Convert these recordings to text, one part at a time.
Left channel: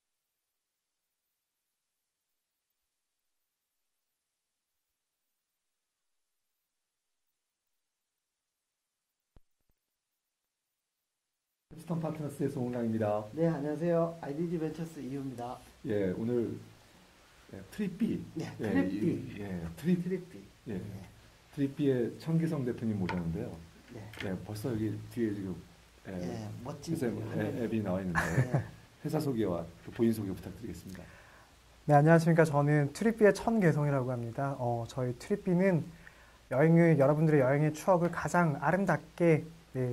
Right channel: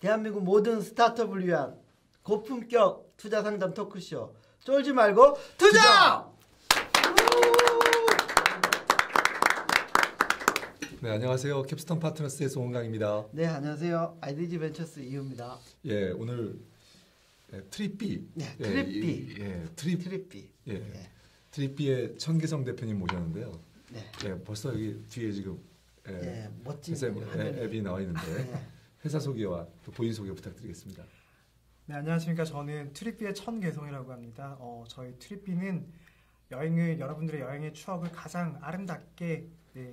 대한민국 모든 스타트업을 위한 고품격 투자 상담 토크쇼 쫄지 말고 투자! 네, 안녕하세요. 캡스톤 파트너스의 송은강입니다. 네, 안녕하세요. IDG 벤처스 이유입니다. 예, 오늘 트립비. 네, 트립비. 트립비. 예, 트립비의 천기성 대표님 모셨는데요. 네. 예, 벌써 여기 뒤에 지금 멋진 앱이 나와 있는데 회사 소개와 또 본인 소개 부탁드리겠습니다. 네, 안녕하십니까. 저는 트립비의 천개성이라고 합니다. 저희 트립비는 여러분들의 여행의 추억을 가장 아름답게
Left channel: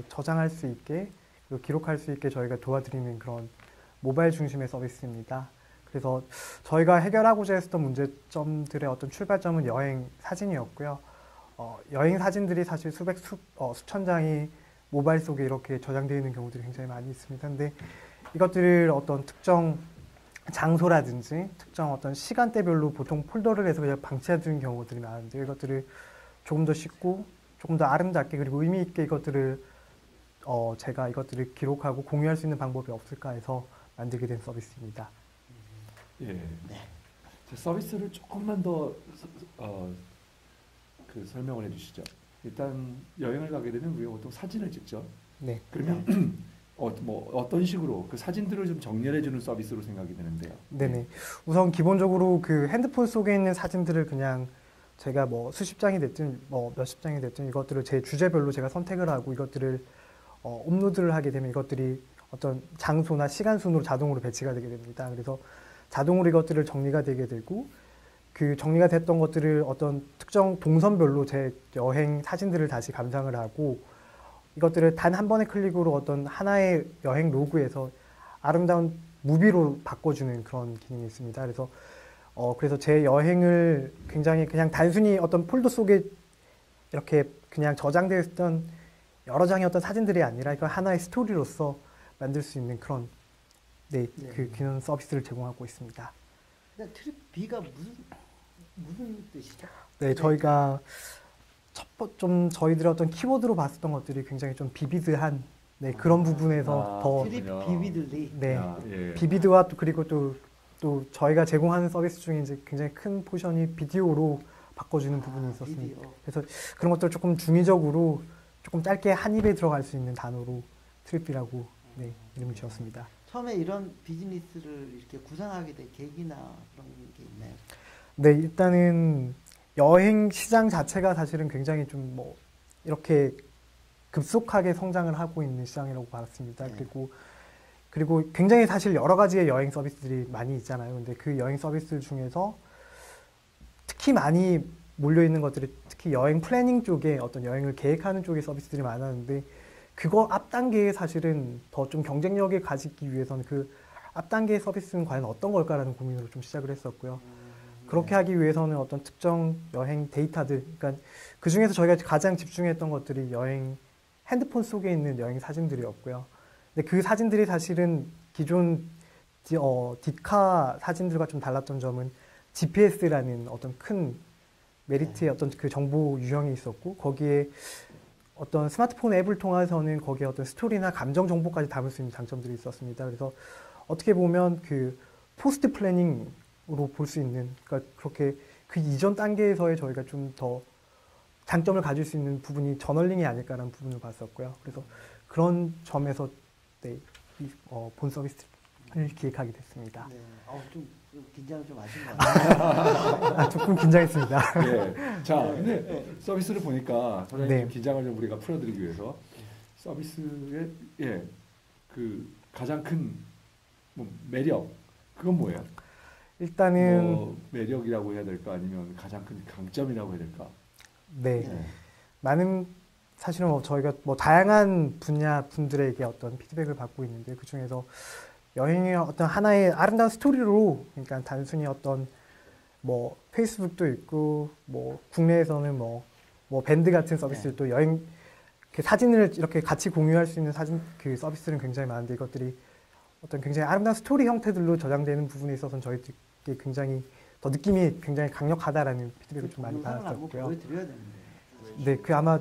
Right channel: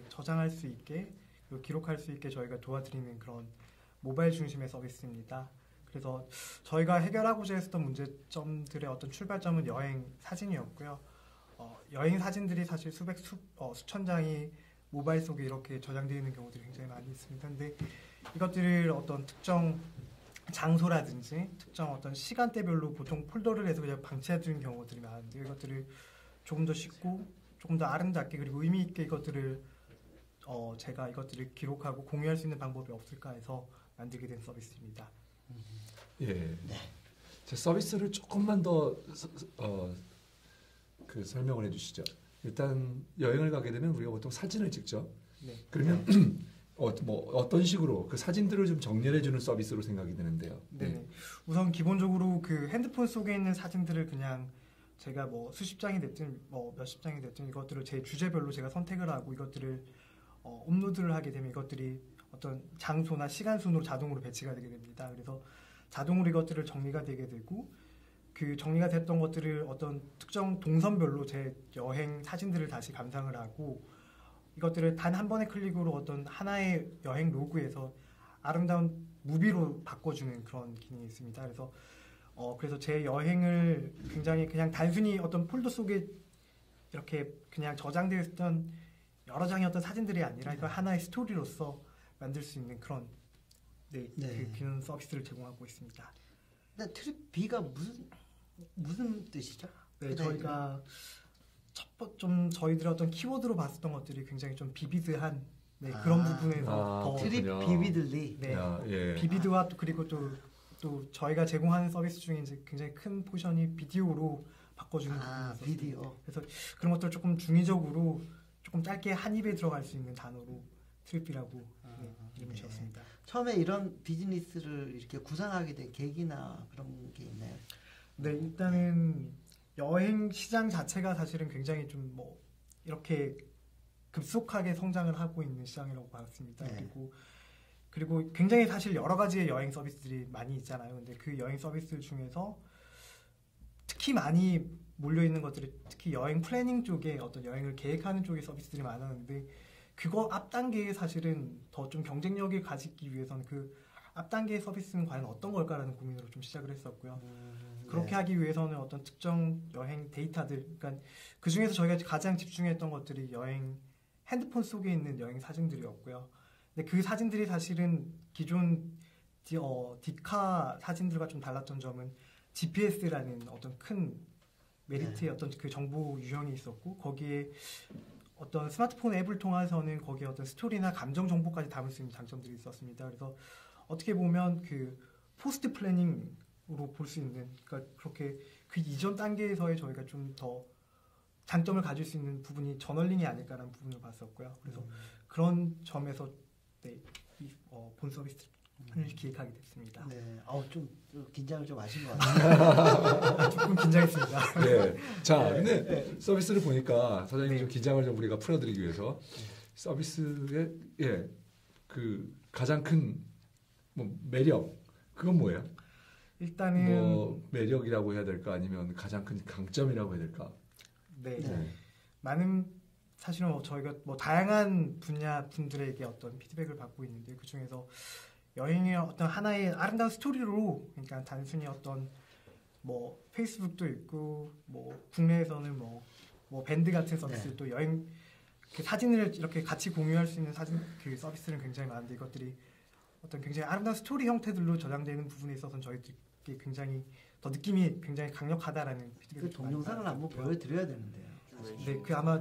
저장할 수 있게 그리고 기록할 수 있게 저희가 도와드리는 그런 모바일 중심의 서비스입니다. 그래서 저희가 해결하고자 했었던 문제점들의 어떤 출발점은 여행 사진이었고요. 여행 사진들이 사실 수천 장이 모바일 속에 이렇게 저장되어 있는 경우들이 굉장히 많이 있습니다. 근데 이것들을 어떤 특정 장소라든지 특정 어떤 시간대별로 보통 폴더를 해서 그냥 방치해두는 경우들이 많은데 이것들을 조금 더 쉽고 조금 더 아름답게 그리고 의미 있게 제가 이것들을 기록하고 공유할 수 있는 방법이 없을까 해서 만들게 된 서비스입니다. 예. 제 서비스를 조금만 더 설명을 해주시죠. 일단 여행을 가게 되면 우리가 보통 사진을 찍죠. 네. 그러면 어떤 식으로 그 사진들을 좀 정렬해주는 서비스로 생각이 되는데요. 네네. 우선 기본적으로 그 핸드폰 속에 있는 사진들을 그냥 제가 수십 장이 됐든 몇십 장이 됐든 이것들을 제 주제별로 제가 선택을 하고 이것들을 업로드를 하게 되면 이것들이 어떤 장소나 시간 순으로 자동으로 배치가 되게 됩니다. 그래서 자동으로 이것들을 정리가 되게 되고 그 정리가 됐던 것들을 어떤 특정 동선별로 제 여행 사진들을 다시 감상을 하고 이것들을 단 한 번의 클릭으로 어떤 하나의 여행 로그에서 아름다운 무비로 바꿔주는 그런 기능이 있습니다. 그래서 제 여행을 굉장히 그냥 단순히 어떤 폴더 속에 이렇게 그냥 저장되어 있던 여러 장의 어떤 사진들이 아니라 이걸 하나의 스토리로서 만들 수 있는 그런 그 기능 서비스를 제공하고 있습니다. 근데 트립비가 무슨 뜻이죠? 네, 저희가 저희들의 어떤 키워드로 봤었던 것들이 굉장히 좀 비비드한 그런 부분에서 더 트립 비비들리. 비비드와 그리고 또 저희가 제공하는 서비스 중에 이제 굉장히 큰 포션이 비디오로 바꿔주는 부분이 있었습니다. 비디오. 그래서 그런 것들을 조금 중의적으로 조금 짧게 한 입에 들어갈 수 있는 단어로 트립비라고 이름을 지었습니다. 처음에 이런 비즈니스를 이렇게 구상하게 된 계기나 그런 게 있나요? 네, 일단은 여행 시장 자체가 사실은 굉장히 좀 이렇게 급속하게 성장을 하고 있는 시장이라고 봤습니다. 그리고 굉장히 사실 여러 가지의 여행 서비스들이 많이 있잖아요. 근데 그 여행 서비스 중에서 특히 많이 몰려있는 것들이 특히 여행 플래닝 쪽에 어떤 여행을 계획하는 쪽의 서비스들이 많았는데 그거 앞 단계에 사실은 더 좀 경쟁력을 가지기 위해서는 그 앞 단계의 서비스는 과연 어떤 걸까라는 고민으로 좀 시작을 했었고요. 그렇게 하기 위해서는 어떤 특정 여행 데이터들, 그러니까 그 중에서 저희가 가장 집중했던 것들이 핸드폰 속에 있는 여행 사진들이었고요. 근데 그 사진들이 사실은 기존 디카 사진들과 좀 달랐던 점은 GPS라는 어떤 큰 메리트의 어떤 그 정보 유형이 있었고 거기에 어떤 스마트폰 앱을 통해서는 거기에 어떤 스토리나 감정 정보까지 담을 수 있는 장점들이 있었습니다. 그래서 어떻게 보면 그 포스트 플래닝으로 볼 수 있는, 그러니까 그렇게 그 이전 단계에서의 저희가 좀 더 장점을 가질 수 있는 부분이 저널링이 아닐까라는 부분을 봤었고요. 그래서 그런 점에서 본 서비스를 기획하게 됐습니다. 네, 좀 긴장을 좀 하신 것 같아요. 조금 긴장했습니다. 네. 자, 근데 서비스를 보니까 사장님 긴장을 좀 우리가 풀어드리기 위해서 서비스의 그 가장 큰 매력 그건 뭐예요? 일단은 매력이라고 해야 될까 아니면 가장 큰 강점이라고 해야 될까? 많은 사실은 저희가 다양한 분야 분들에게 어떤 피드백을 받고 있는데 그 중에서 여행의 어떤 하나의 아름다운 스토리로, 그러니까 단순히 어떤 페이스북도 있고 국내에서는 밴드 같은 서비스도 여행 그 사진을 이렇게 같이 공유할 수 있는 사진 그 서비스는 굉장히 많은데 이것들이 어떤 굉장히 아름다운 스토리 형태들로 저장되는 부분에 있어서는 저희들께 굉장히 더 느낌이 굉장히 강력하다라는 피드백을 좀 많이 영상을 한번 받았었고요. 보여드려야 되는데. 네, 그 아마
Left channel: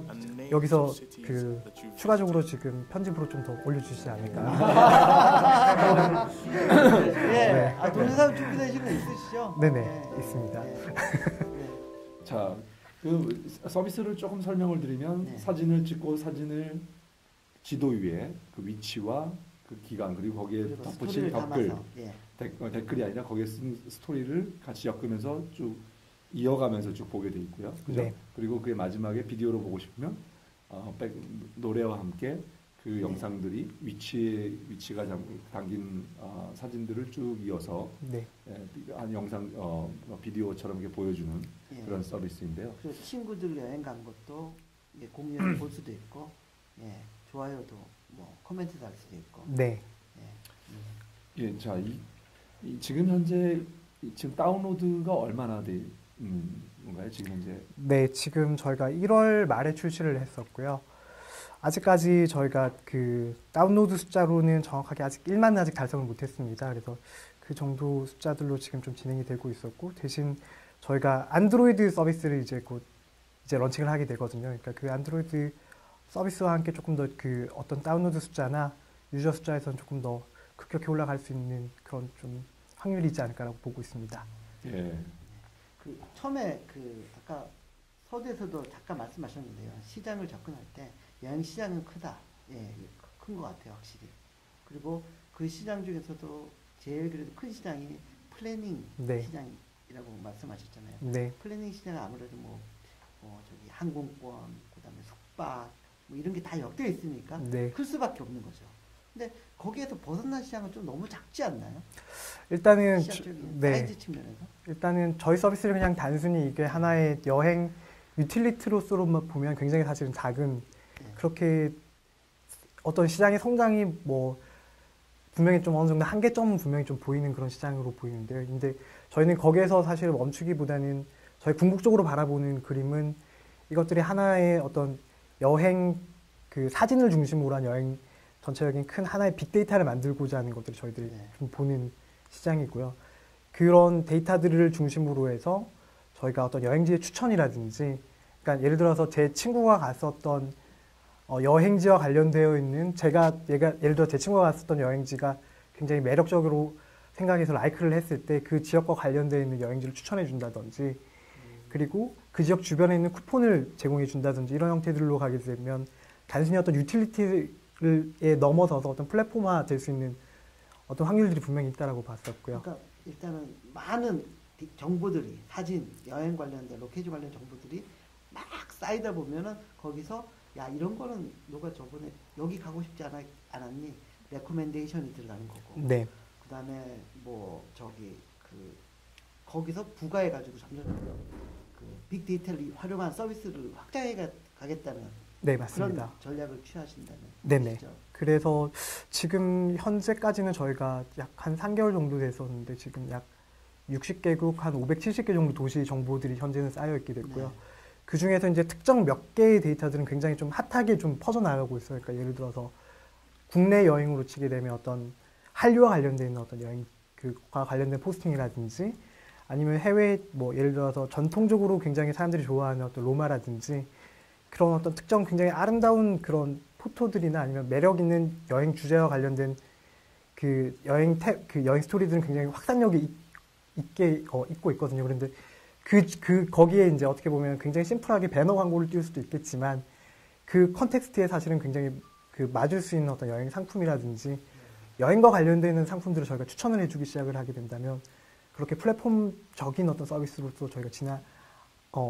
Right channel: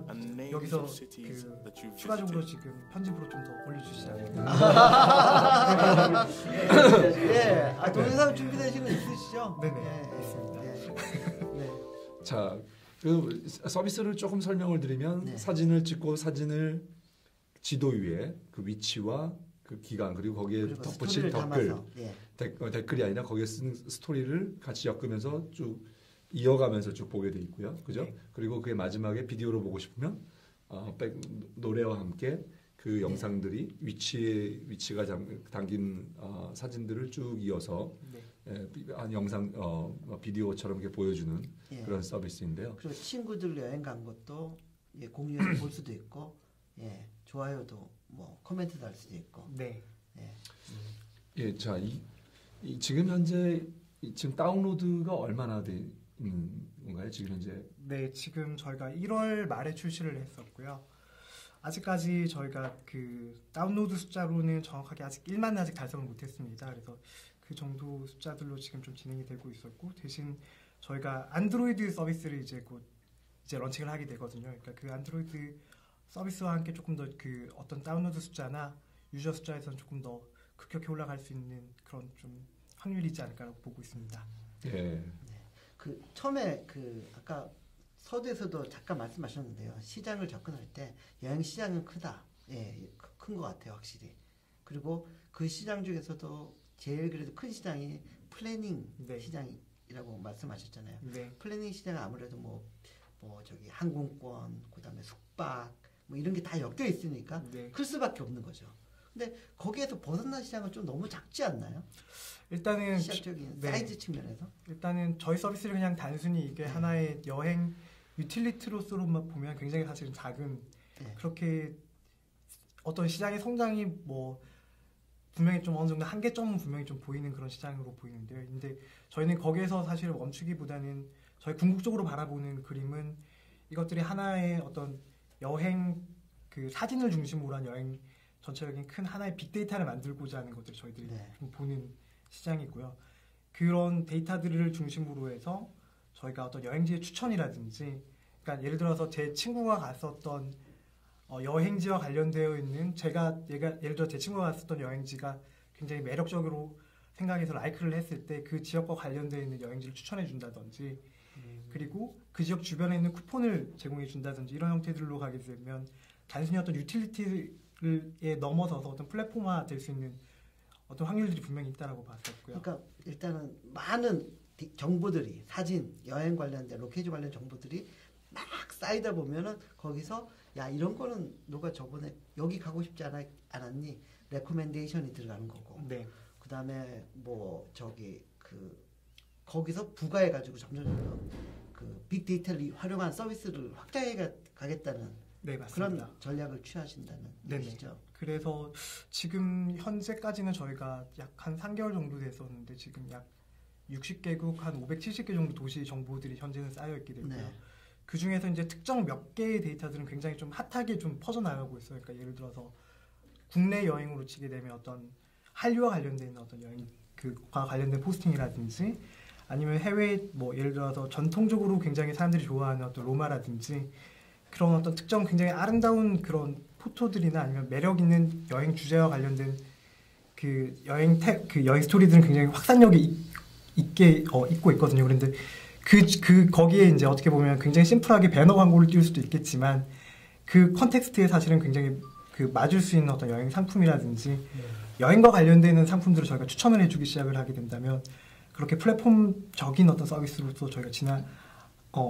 여기서 그 추가적으로 지금 편집으로 좀 더 올려주시지 않을까. 네. 아, 동영상 준비되시는 거 있으시죠? 네네, 네. 있습니다. 자, 그 서비스를 조금 설명을 드리면 네. 사진을 찍고 사진을 지도 위에 그 위치와 그 기간 그리고 거기에 그리고 덧붙인 스토리를 댓글 담아서, 예. 댓글이 아니라 거기에 쓴 스토리를 같이 엮으면서 쭉 이어가면서 쭉 보게 돼 있고요. 그죠? 네. 그리고 그게 마지막에 비디오로 보고 싶으면 노래와 함께 그 영상들이 위치가 담긴 사진들을 쭉 이어서 네, 한 영상 비디오처럼 이렇게 보여주는 예. 그런 서비스인데요. 그리고 친구들 여행 간 것도 예, 공유해 볼 수도 있고, 예, 좋아요도 뭐 코멘트도 할 수도 있고. 네. 예, 자, 지금 현재 지금 다운로드가 얼마나 돼 있는 건가요? 지금 현재 네, 지금 저희가 1월 말에 출시를 했었고요. 아직까지 저희가 그 다운로드 숫자로는 정확하게 아직 1만은 아직 달성을 못했습니다. 그래서 그 정도 숫자들로 지금 좀 진행이 되고 있었고 대신 저희가 안드로이드 서비스를 이제 곧 이제 런칭을 하게 되거든요. 그러니까 그 안드로이드 서비스와 함께 조금 더 그 어떤 다운로드 숫자나 유저 숫자에서는 조금 더 급격히 올라갈 수 있는 그런 좀 확률이 있지 않을까라고 보고 있습니다. 예. 그 처음에 그 아까 서두에서도 잠깐 말씀하셨는데요. 시장을 접근할 때 여행 시장은 크다. 예, 큰 것 같아요, 확실히. 그리고 그 시장 중에서도 제일 그래도 큰 시장이 플래닝 네. 시장이라고 말씀하셨잖아요. 네, 플래닝 시장은 아무래도 뭐 저기 항공권, 그다음에 숙박 뭐 이런 게 다 엮여 있으니까 네. 클 수밖에 없는 거죠. 근데 거기에서 벗어난 시장은 좀 너무 작지 않나요? 일단은 시장적인 네. 사이즈 측면에서. 일단은 저희 서비스를 그냥 단순히 이게 하나의 여행 유틸리티로서로만 보면 굉장히 사실은 작은 네. 그렇게 어떤 시장의 성장이 뭐 분명히 좀 어느 정도 한계점은 분명히 좀 보이는 그런 시장으로 보이는데요. 근데 저희는 거기에서 사실 멈추기보다는 저희 궁극적으로 바라보는 그림은 이것들이 하나의 어떤 여행 그 사진을 중심으로 한 여행 전체적인 큰 하나의 빅데이터를 만들고자 하는 것들을 저희들이 네. 좀 보는 시장이고요. 그런 데이터들을 중심으로 해서 저희가 어떤 여행지의 추천이라든지, 그러니까 예를 들어서 제 친구가 갔었던 여행지와 관련되어 있는 예를 들어 제 친구가 갔었던 여행지가 굉장히 매력적으로 생각해서 라이크를 했을 때 그 지역과 관련되어 있는 여행지를 추천해 준다든지, 그리고 그 지역 주변에 있는 쿠폰을 제공해 준다든지 이런 형태들로 가게 되면 단순히 어떤 유틸리티에 넘어서서 어떤 플랫폼화 될 수 있는 어떤 확률들이 분명히 있다라고 봤었고요. 그러니까 일단은 많은 정보들이 사진, 여행 관련된 로케이션 관련 정보들이 막 쌓이다 보면은 거기서 야 이런 거는 너가 저번에 여기 가고 싶지 않았니? 레코멘데이션이 들어가는 거고. 네, 그다음에 뭐 저기 거기서 부가해 가지고 점점 그 빅데이터를 활용한 서비스를 확장해 가겠다는 네 맞습니다. 그런 전략을 취하신다는 네네. 뜻이죠. 그래서 지금 현재까지는 저희가 약 한 3개월 정도 됐었는데 지금 약 60개국 한 570개 정도 도시 정보들이 현재는 쌓여 있게 됐고요. 네. 그 중에서 이제 특정 몇 개의 데이터들은 굉장히 좀 핫하게 좀 퍼져나가고 있어요. 그러니까 예를 들어서 국내 여행으로 치게 되면 어떤 한류와 관련된 어떤 여행 그과 관련된 포스팅이라든지 아니면 해외 뭐 예를 들어서 전통적으로 굉장히 사람들이 좋아하는 어떤 로마라든지 그런 어떤 특정 굉장히 아름다운 그런 포토들이나 아니면 매력 있는 여행 주제와 관련된 그 여행 스토리들은 굉장히 확산력이 있게 있고 있거든요. 그런데 거기에 이제 어떻게 보면 굉장히 심플하게 배너 광고를 띄울 수도 있겠지만 그 컨텍스트에 사실은 굉장히 그 맞을 수 있는 어떤 여행 상품이라든지 여행과 관련되는 상품들을 저희가 추천을 해주기 시작을 하게 된다면 그렇게 플랫폼적인 어떤 서비스로서 저희가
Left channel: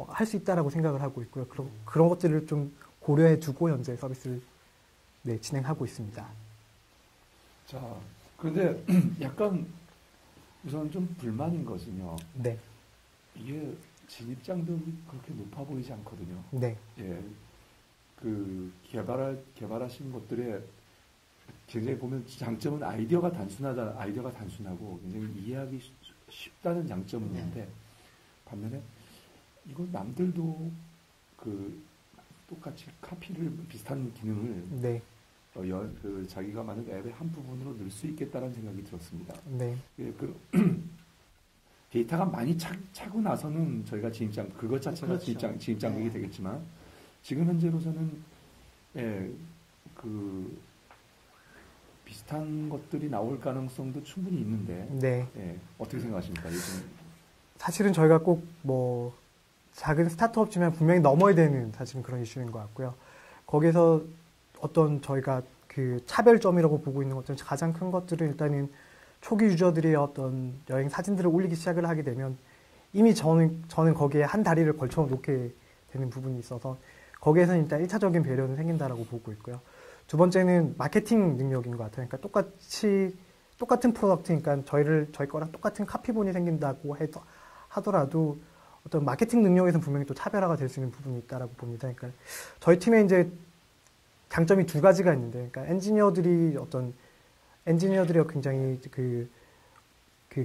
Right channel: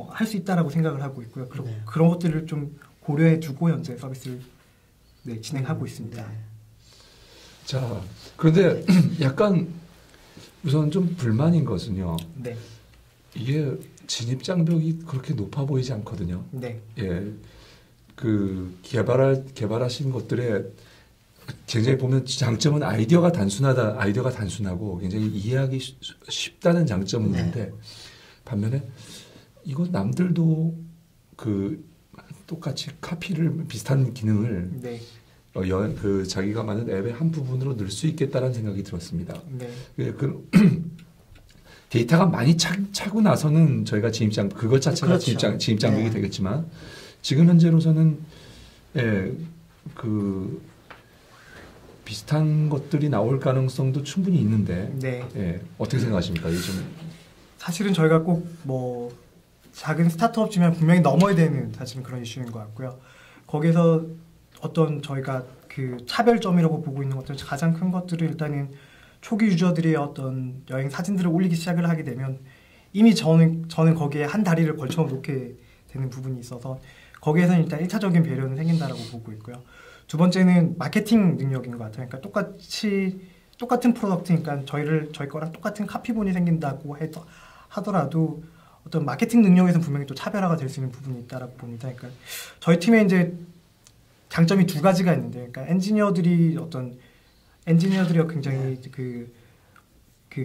할 수 있다라고 생각을 하고 있고요. 네. 그런 것들을 좀 고려해두고 현재 서비스를 진행하고 있습니다. 네. 자, 그런데 약간 우선 좀 불만인 것은요. 네, 이게 진입 장벽이 그렇게 높아 보이지 않거든요. 네, 예, 그 개발하신 것들의 굉장히 보면 장점은 아이디어가 단순하고 굉장히 이해하기 쉽다는 장점은 있는데 반면에 이거 남들도 그 똑같이 카피를 비슷한 기능을 네. 그 자기가 만든 앱의 한 부분으로 넣을 수 있겠다라는 생각이 들었습니다. 네. 그 데이터가 많이 차고 나서는 저희가 진입장 그것 자체가 그렇죠. 진입장벽이 네. 되겠지만 지금 현재로서는 그 비슷한 것들이 나올 가능성도 충분히 있는데 네. 어떻게 생각하십니까? 요즘 사실은 저희가 꼭 뭐 작은 스타트업지만 분명히 넘어야 되는 사실은 그런 이슈인 것 같고요. 거기서 어떤 저희가 그 차별점이라고 보고 있는 것들 가장 큰 것들은 일단은 초기 유저들이 어떤 여행 사진들을 올리기 시작을 하게 되면 이미 저는 거기에 한 다리를 걸쳐 놓게 되는 부분이 있어서 거기에서는 일단 1차적인 배려는 생긴다라고 보고 있고요. 두 번째는 마케팅 능력인 것 같아요. 그러니까 똑같은 프로덕트니까 저희 거랑 똑같은 카피본이 생긴다고 하더라도 어떤 마케팅 능력에서는 분명히 또 차별화가 될 수 있는 부분이 있다라고 봅니다. 그러니까 저희 팀에 이제 장점이 두 가지가 있는데, 그러니까 엔지니어들이 굉장히 그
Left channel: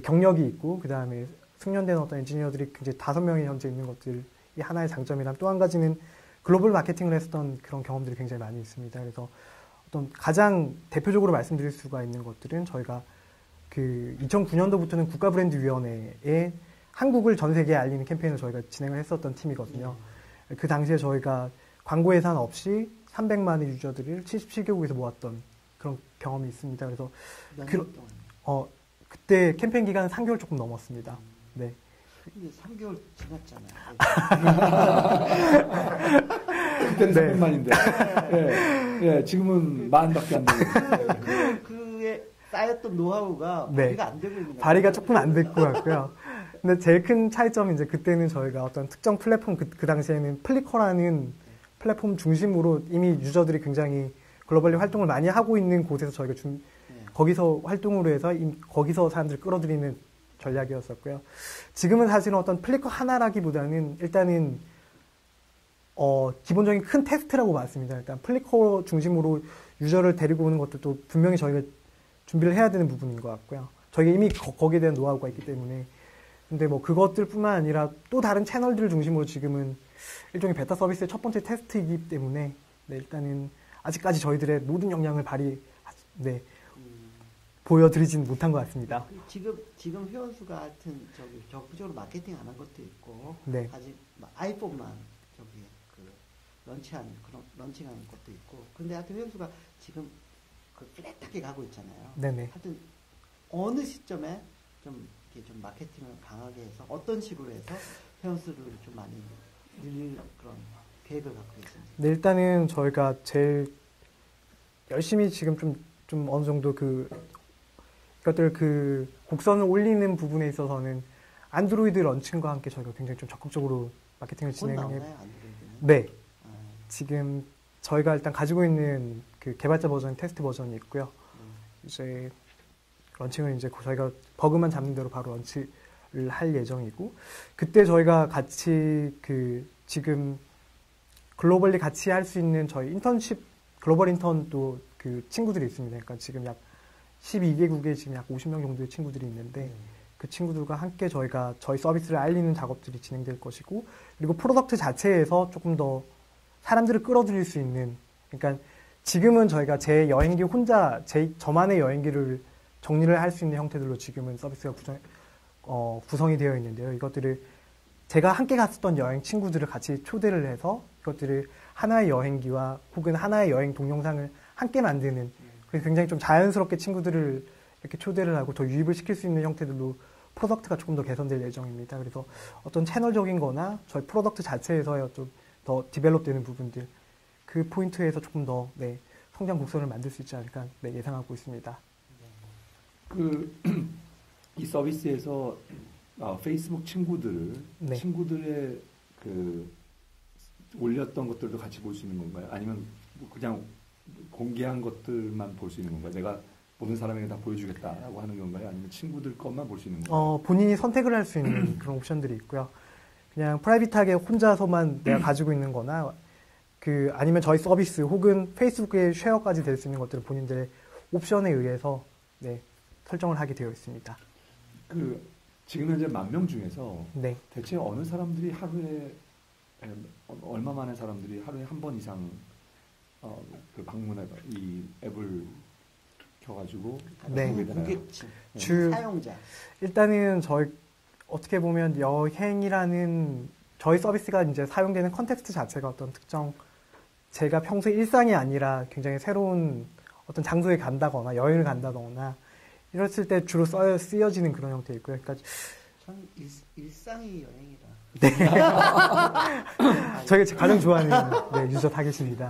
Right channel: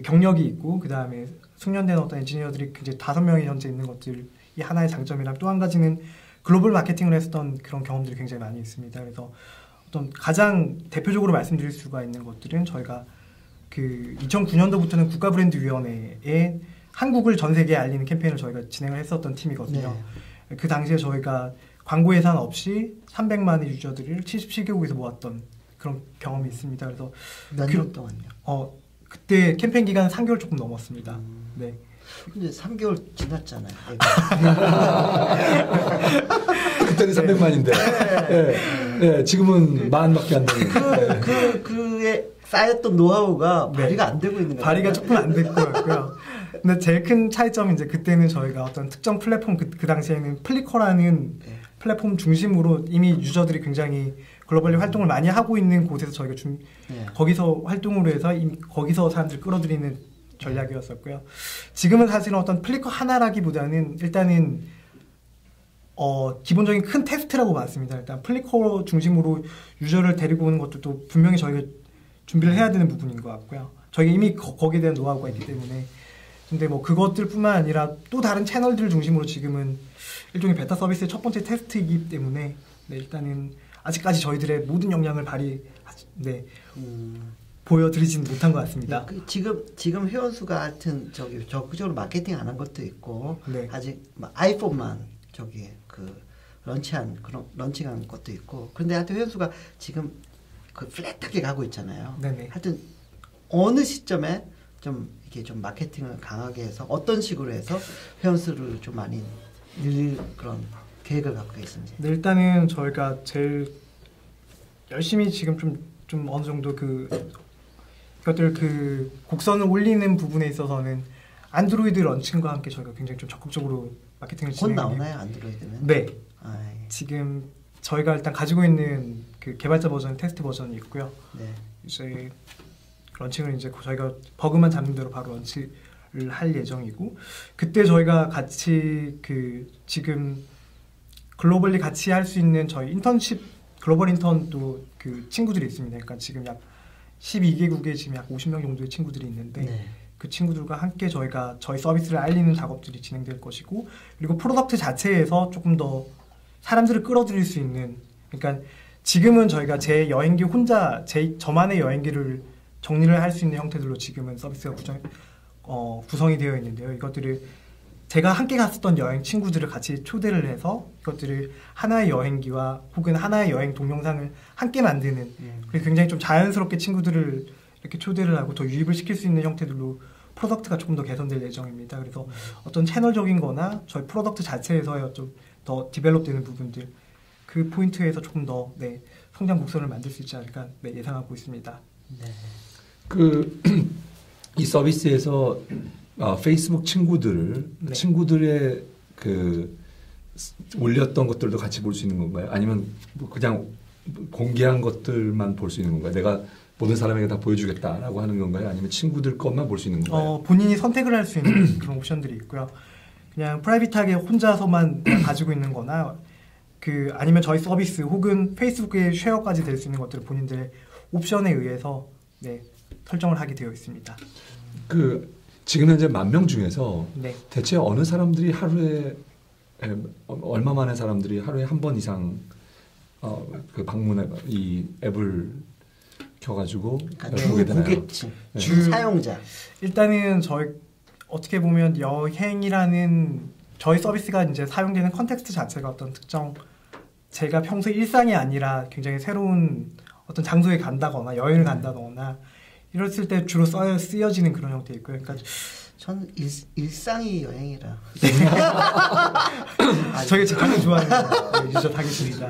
경력이 있고, 그 다음에 숙련된 어떤 엔지니어들이 굉장히 5명이 현재 있는 것들이 하나의 장점이랑 또 한 가지는 글로벌 마케팅을 했었던 그런 경험들이 굉장히 많이 있습니다. 그래서 어떤 가장 대표적으로 말씀드릴 수가 있는 것들은 저희가 그 2009년도부터는 국가브랜드위원회에 한국을 전 세계에 알리는 캠페인을 저희가 진행을 했었던 팀이거든요. 네. 그 당시에 저희가 광고 예산 없이 300만의 유저들을 77개국에서 모았던 그런 경험이 있습니다. 그래서 몇 년 동안요? 그때 캠페인 기간은 3개월 조금 넘었습니다. 네. 근데 3개월 지났잖아요. 그때는 300만인데 지금은 10,000밖에 안 되는. 그에 쌓였던 노하우가 네. 발휘가 안 되고 있는 거예요. 발휘가 조금 안 될 것 같고요. 근데 제일 큰 차이점은 이제 그때는 저희가 어떤 특정 플랫폼 그 당시에는 플리커라는 플랫폼 중심으로 이미 유저들이 굉장히 글로벌리 활동을 많이 하고 있는 곳에서 저희가 거기서 활동으로 해서 거기서 사람들을 끌어들이는 전략이었었고요. 지금은 사실은 어떤 플리커 하나라기보다는 일단은 기본적인 큰 테스트라고 봤습니다. 일단 플리커 중심으로 유저를 데리고 오는 것도 분명히 저희가 준비를 해야 되는 부분인 것 같고요. 저희가 이미 거기에 대한 노하우가 있기 때문에. 근데 뭐 그것들뿐만 아니라 또 다른 채널들을 중심으로 지금은 일종의 베타 서비스의 첫 번째 테스트이기 때문에 일단은 아직까지 저희들의 모든 역량을 보여드리진 못한 것 같습니다. 지금 회원수가 하여튼 적극적으로 마케팅 안 한 것도 있고 네. 아직 아이폰만 런칭한 것도 있고 그런데 하여튼 회원수가 지금 플랫하게 가고 있잖아요. 네네. 하여튼 어느 시점에 좀 마케팅을 강하게 해서 어떤 식으로 해서 회원수를 좀 많이 늘릴 그런 계획을 갖고 계신지. 네, 일단은 저희가 제일 열심히 지금 좀 어느 정도 이것들 곡선을 올리는 부분에 있어서는 안드로이드 런칭과 함께 저희가 굉장히 좀 적극적으로 마케팅을 진행해요. 곧 나오나요, 안드로이드는? 네. 지금 저희가 일단 가지고 있는 그 개발자 버전, 테스트 버전이 있고요. 네. 이제 런칭을 이제 저희가 버그만 잡는 대로 바로 런칭을 할 예정이고, 그때 저희가 같이 지금 글로벌리 같이 할 수 있는 저희 인턴십 글로벌 인턴도 친구들이 있습니다. 그러니까 지금 약 12개국에 지금 약 50명 정도의 친구들이 있는데 그 친구들과 함께 저희가 저희 서비스를 알리는 작업들이 진행될 것이고, 그리고 프로덕트 자체에서 조금 더 사람들을 끌어들일 수 있는, 그러니까 지금은 저희가 제 여행기 혼자 저만의 여행기를 정리를 할 수 있는 형태들로 지금은 서비스가 구성이 되어 있는데요. 이것들을 제가 함께 갔었던 여행 친구들을 같이 초대를 해서 이것들을 하나의 여행기와 혹은 하나의 여행 동영상을 함께 만드는, 그리고 굉장히 좀 자연스럽게 친구들을 이렇게 초대를 하고 더 유입을 시킬 수 있는 형태들로 프로덕트가 조금 더 개선될 예정입니다. 그래서 어떤 채널적인 거나 저희 프로덕트 자체에서의 좀 더 디벨롭되는 부분들, 그 포인트에서 조금 더 성장 곡선을 만들 수 있지 않을까 예상하고 있습니다. 이 서비스에서 페이스북 친구들의 올렸던 것들도 같이 볼 수 있는 건가요? 아니면 그냥 공개한 것들만 볼 수 있는 건가요? 내가 모든 사람에게 다 보여주겠다라고 하는 건가요? 아니면 친구들 것만 볼 수 있는 건가요? 본인이 선택을 할 수 있는 그런 옵션들이 있고요. 그냥 프라이빗하게 혼자서만 가지고 있는 거나 아니면 저희 서비스 혹은 페이스북의 쉐어까지 될 수 있는 것들을 본인들의 옵션에 의해서 설정을 하게 되어 있습니다. 지금 현재 10,000명 중에서 네. 대체 어느 사람들이 하루에 얼마 만에 사람들이 하루에 한 번 이상 그 방문해 이 앱을 켜가지고 보게 되나요? 고객층, 주 사용자. 일단은 저희 어떻게 보면 여행이라는 저희 서비스가 이제 사용되는 컨텍스트 자체가 어떤 특정 제가 평소 일상이 아니라 굉장히 새로운 어떤 장소에 간다거나 여행을 간다거나 이랬을 때 주로 쓰여지는 그런 형태 있고요. 그러니까 저는 일상이 여행이라. 저희가 제가 가장 좋아하는 유저 타겟입니다.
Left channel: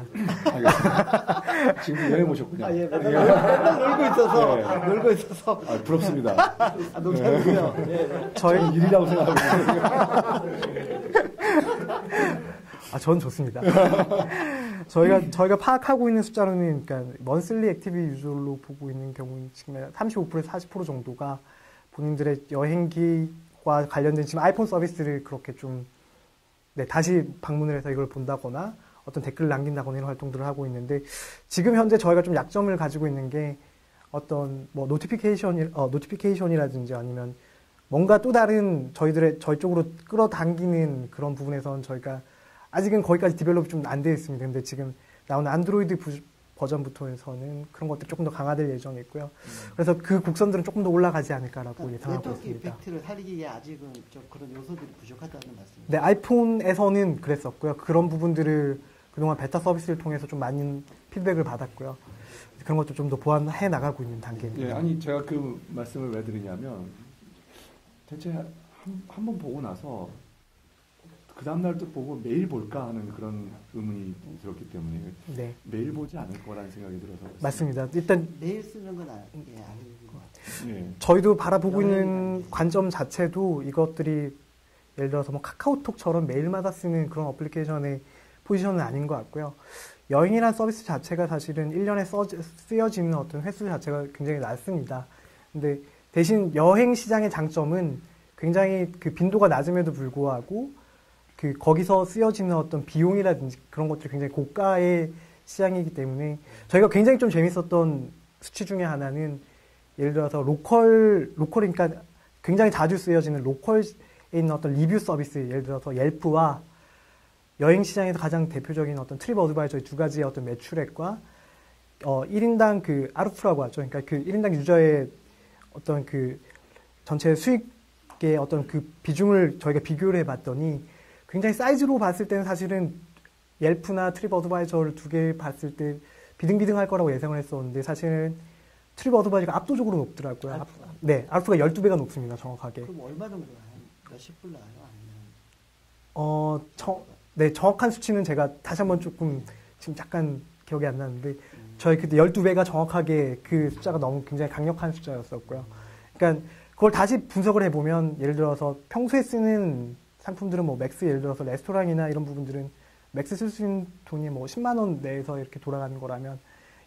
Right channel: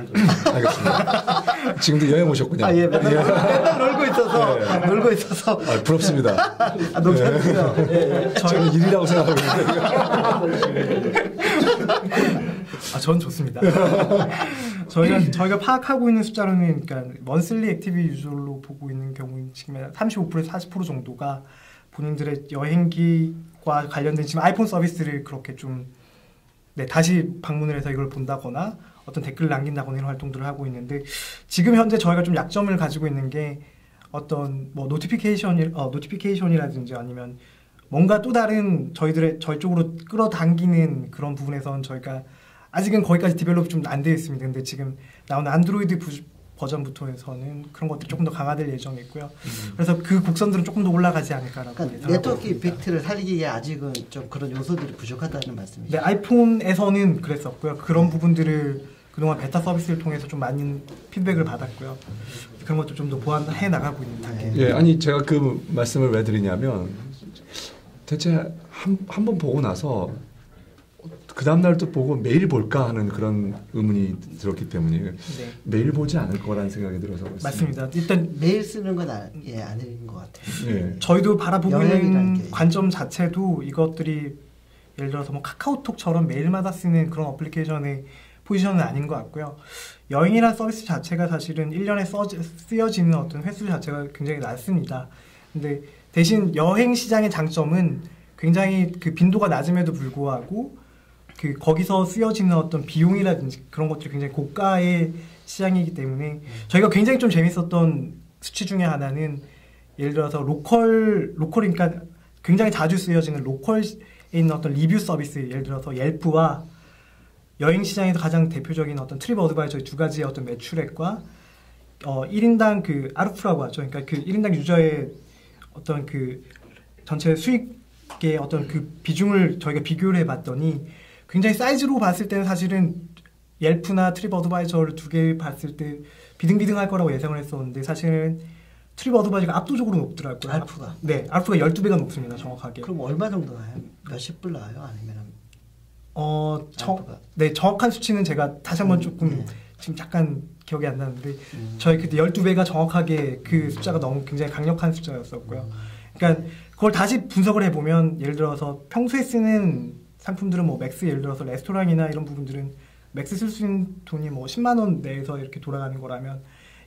알겠습니다. 지금도 여행 오셨군요. 아, 예, 맨날 놀고 있어서. 네. 놀고 있어서. 부럽습니다. 너무 좋네요. 저는 일이라고 생각하고 있는데. 전 좋습니다. 저희가 파악하고 있는 숫자로는 그러니까 먼슬리 액티브 유저로 보고 있는 경우는 지금 35%에서 40% 정도가 본인들의 여행기와 관련된 지금 아이폰 서비스를 그렇게 좀 다시 방문을 해서 이걸 본다거나 어떤 댓글을 남긴다거나 이런 활동들을 하고 있는데 지금 현재 저희가 좀 약점을 가지고 있는 게 어떤 뭐 노티피케이션이라든지 아니면 뭔가 또 다른 저희 쪽으로 끌어당기는 그런 부분에서는 저희가 아직은 거기까지 디벨롭이 좀 안 되어 있습니다. 근데 지금 나오는 안드로이드 버전부터에서는 그런 것들이 조금 더 강화될 예정이 있고요. 그래서 그 곡선들은 조금 더 올라가지 않을까라고 그러니까 예상하고 네트워크 있습니다. 이펙트를 살리기에 아직은 좀 그런 요소들이 부족하다는 말씀이죠. 네, 아이폰에서는 그랬었고요. 그런 부분들을 그동안 베타 서비스를 통해서 좀 많은 피드백을 받았고요. 그런 것도 좀 더 보완해 나가고 있는 단계. 예, 아니 제가 그 말씀을 왜 드리냐면 대체 한 번 보고 나서 그 다음 날 또 보고 매일 볼까 하는 그런 의문이 들었기 때문에 네, 매일 보지 않을 거라는 생각이 들어서 맞습니다. 일단 매일 쓰는 건 아닌 것 같아요. 예. 저희도 바라보고 여행이라는 있는 게. 관점 자체도 이것들이 예를 들어서 뭐 카카오톡처럼 매일마다 쓰는 그런 어플리케이션의 포지션은 아닌 것 같고요. 여행이라는 서비스 자체가 사실은 1년에 쓰여지는 어떤 횟수 자체가 굉장히 낮습니다. 근데 대신 여행 시장의 장점은 굉장히 그 빈도가 낮음에도 불구하고 그 거기서 쓰여지는 어떤 비용이라든지 그런 것들이 굉장히 고가의 시장이기 때문에 저희가 굉장히 좀 재밌었던 수치 중에 하나는 예를 들어서 로컬이니까 굉장히 자주 쓰여지는 로컬에 있는 어떤 리뷰 서비스 예를 들어서 옐프와 여행 시장에서 가장 대표적인 어떤 트립 어드바이저의 두 가지의 어떤 매출액과 1인당 그 아르프라고 하죠. 그러니까 그 1인당 유저의 어떤 그 전체 수익의 어떤 그 비중을 저희가 비교를 해봤더니 굉장히 사이즈로 봤을 때는 사실은 옐프나 트립 어드바이저를 두 개 봤을 때 비등비등할 거라고 예상을 했었는데 사실은 트립 어드바이저가 압도적으로 높더라고요. 알프가. 네, 알프가 12배가 높습니다. 정확하게. 그럼 얼마 정도 나요? 몇십 불 나와요? 아니면 알프가? 네, 정확한 수치는 제가 다시 한번 조금 네. 지금 잠깐 기억이 안 나는데 저희 그때 12배가 정확하게 그 숫자가 너무 굉장히 강력한 숫자였었고요. 그러니까 그걸 다시 분석을 해보면 예를 들어서 평소에 쓰는 상품들은 뭐 맥스 예를 들어서 레스토랑이나 이런 부분들은 맥스 쓸 수 있는 돈이 뭐 10만 원 내에서 이렇게 돌아가는 거라면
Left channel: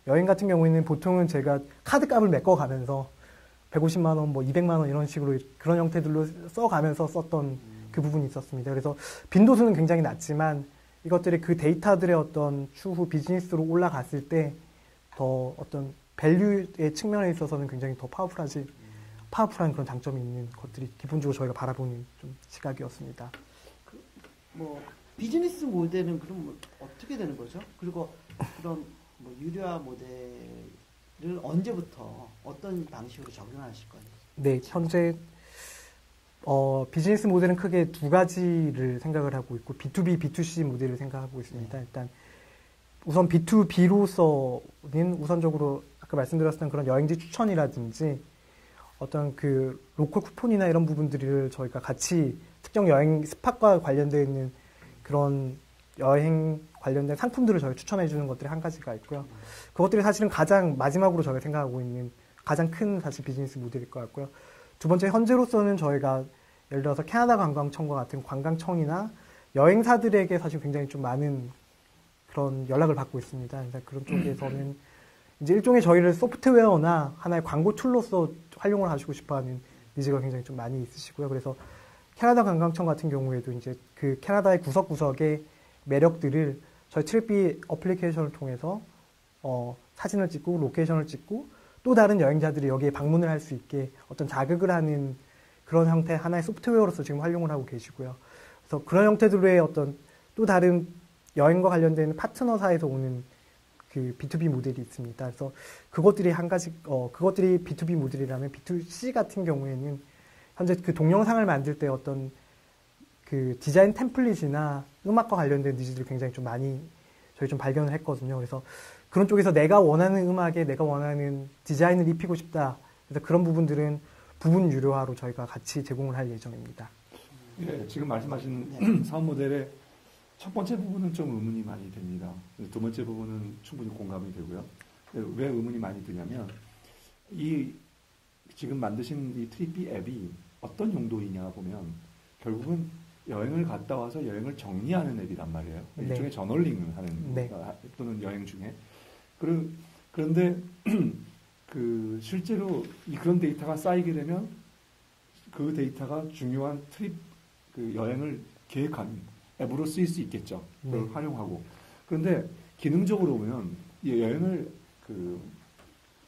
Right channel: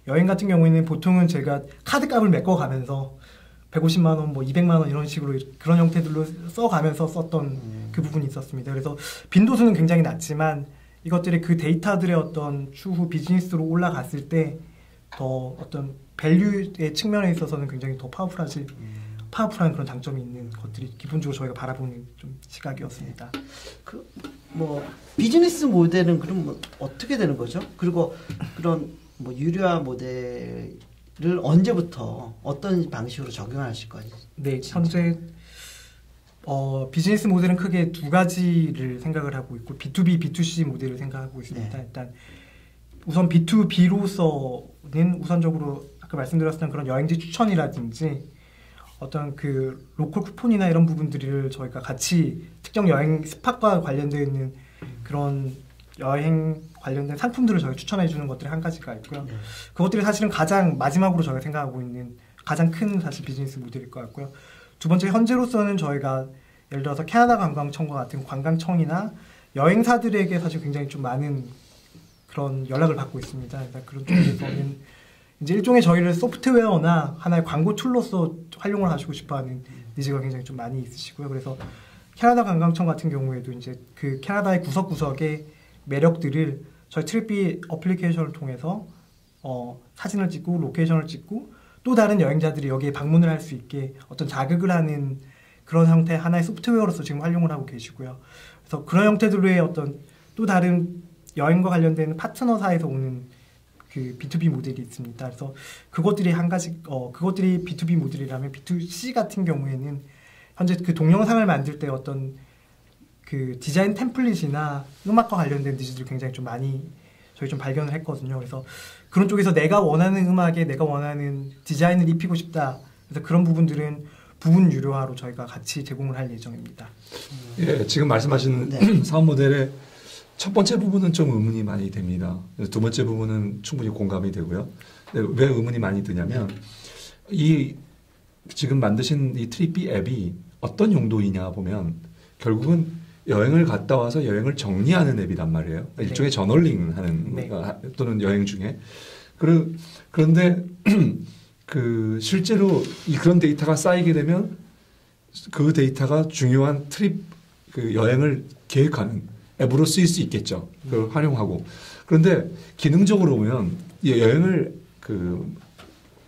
여행 같은 경우에는 보통은 제가 카드값을 메꿔가면서 150만 원, 뭐 200만 원 이런 식으로 그런 형태들로 써가면서 썼던 그 부분이 있었습니다. 그래서 빈도수는 굉장히 낮지만 이것들이 그 데이터들의 어떤 추후 비즈니스로 올라갔을 때 더 어떤 밸류의 측면에 있어서는 굉장히 더 파워풀한 그런 장점이 있는 것들이 기본적으로 저희가 바라보는 좀 시각이었습니다. 뭐 비즈니스 모델은 그럼 뭐 어떻게 되는 거죠? 그리고 그런 뭐 유료화 모델을 언제부터 어떤 방식으로 적용하실 거예요? 네, 현재 비즈니스 모델은 크게 두 가지를 생각을 하고 있고 B2B, B2C 모델을 생각하고 있습니다. 네. 일단 우선 B2B로서는 우선적으로 아까 말씀드렸던 그런 여행지 추천이라든지 어떤 그 로컬 쿠폰이나 이런 부분들을 저희가 같이 특정 여행 스팟과 관련되어 있는 그런 여행 관련된 상품들을 저희가 추천해 주는 것들이 한 가지가 있고요. 그것들이 사실은 가장 마지막으로 저희가 생각하고 있는 가장 큰 사실 비즈니스 모델일 것 같고요. 두 번째 현재로서는 저희가 예를 들어서 캐나다 관광청과 같은 관광청이나 여행사들에게 사실 굉장히 좀 많은 그런 연락을 받고 있습니다. 그래서 그런 쪽에서는 이제 일종의 저희를 소프트웨어나 하나의 광고 툴로서 활용을 하시고 싶어하는 니즈가 굉장히 좀 많이 있으시고요. 그래서 캐나다 관광청 같은 경우에도 이제 그 캐나다의 구석구석의 매력들을 저희 트립비 어플리케이션을 통해서 사진을 찍고 로케이션을 찍고 또 다른 여행자들이 여기에 방문을 할 수 있게 어떤 자극을 하는 그런 형태 하나의 소프트웨어로서 지금 활용을 하고 계시고요. 그래서 그런 형태들의 어떤 또 다른 여행과 관련된 파트너사에서 오는 그 B2B 모델이 있습니다. 그래서 그것들이 한 가지 그것들이 B2B 모델이라면 B2C 같은 경우에는 현재 그 동영상을 만들 때 어떤 그 디자인 템플릿이나 음악과 관련된 니즈들이 굉장히 좀 많이 저희 좀 발견을 했거든요. 그래서 그런 쪽에서 내가 원하는 음악에 내가 원하는 디자인을 입히고 싶다. 그래서 그런 부분들은 부분 유료화로 저희가 같이 제공을 할 예정입니다. 예, 지금 말씀하신 네. 사업 모델의 첫 번째 부분은 좀 의문이 많이 됩니다. 두 번째 부분은 충분히 공감이 되고요. 왜 의문이 많이 드냐면 이 지금 만드신 이 트립비 앱이 어떤 용도이냐 보면 결국은 여행을 갔다 와서 여행을 정리하는 앱이란 말이에요. 네. 일종의 저널링하는 네. 또는 여행 중에 그런데 그 실제로 그런 데이터가 쌓이게 되면 그 데이터가 중요한 트립 그 여행을 계획하는 앱으로 쓰일 수 있겠죠. 그걸 활용하고 그런데 기능적으로 보면 이 여행을 그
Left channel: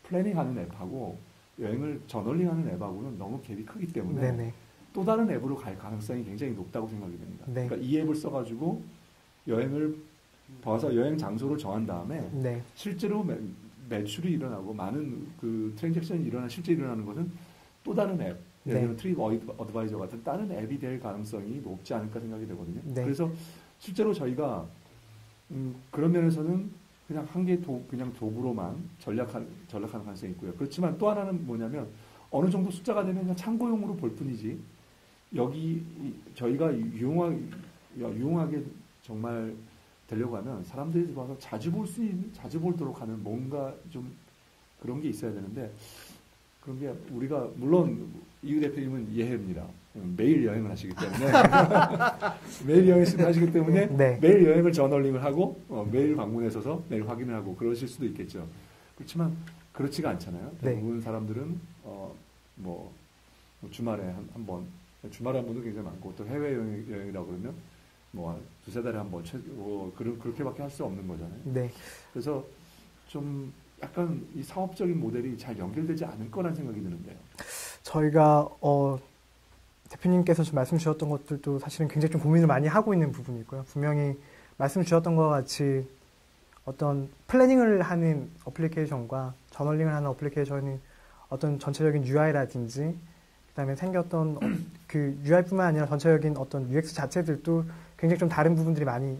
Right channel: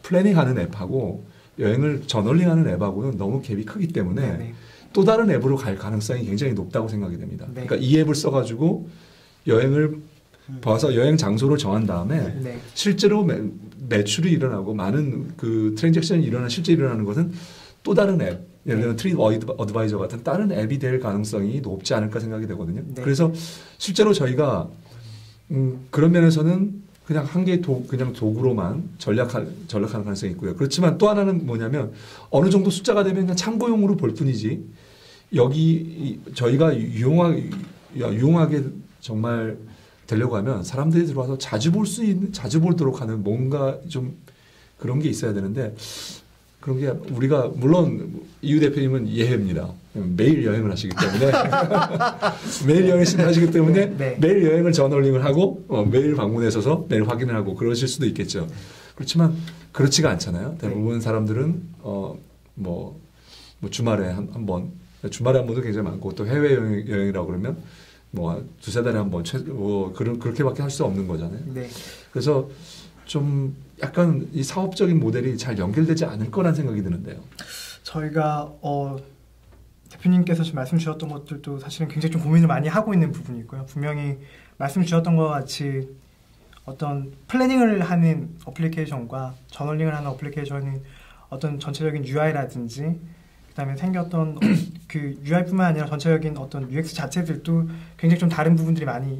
플래닝하는 앱하고 여행을 저널링하는 앱하고는 너무 갭이 크기 때문에 네네. 또 다른 앱으로 갈 가능성이 굉장히 높다고 생각이 됩니다. 네. 그러니까 이 앱을 써가지고 여행을 봐서 여행 장소를 정한 다음에 네. 실제로 매출이 일어나고 많은 그 트랜잭션이 실제 일어나는 것은 또 다른 앱, 예를 들면 트립 어드바이저 같은 다른 앱이 될 가능성이 높지 않을까 생각이 되거든요. 네. 그래서 실제로 저희가 그런 면에서는 그냥 한 개의 그냥 도구로만 전략하는 가능성이 있고요. 그렇지만 또 하나는 뭐냐면 어느 정도 숫자가 되면 그냥 참고용으로 볼 뿐이지 여기 저희가 유용하게 정말 되려고 하면 사람들이 들어와서 자주 보도록 하는 뭔가 좀 그런 게 있어야 되는데 그런 게 우리가 물론 이유 대표님은 이해합니다. 매일 여행을 하시기 때문에 매일 여행을 하시기 때문에 네. 매일 여행을 저널링을 하고 매일 방문해서 매일 확인을 하고 그러실 수도 있겠죠. 그렇지만 그렇지가 않잖아요. 대부분 사람들은 뭐 주말에 한 번, 주말에 한 번도 굉장히 많고 또 해외 여행이라고 그러면 뭐 두세 달에 한 번 그렇게밖에 할 수 없는 거잖아요. 네. 그래서 좀 약간 이 사업적인 모델이 잘 연결되지 않을 거란 생각이 드는데요. 저희가 대표님께서 지금 말씀 주셨던 것들도 사실은 굉장히 좀 고민을 많이 하고 있는 부분이고요. 분명히 말씀 주셨던 것 같이 어떤 플래닝을 하는 어플리케이션과 저널링을 하는 어플리케이션이 어떤 전체적인 UI라든지 그다음에 생겼던 그 UI뿐만 아니라 전체적인 어떤 UX 자체들도 굉장히 좀 다른 부분들이 많이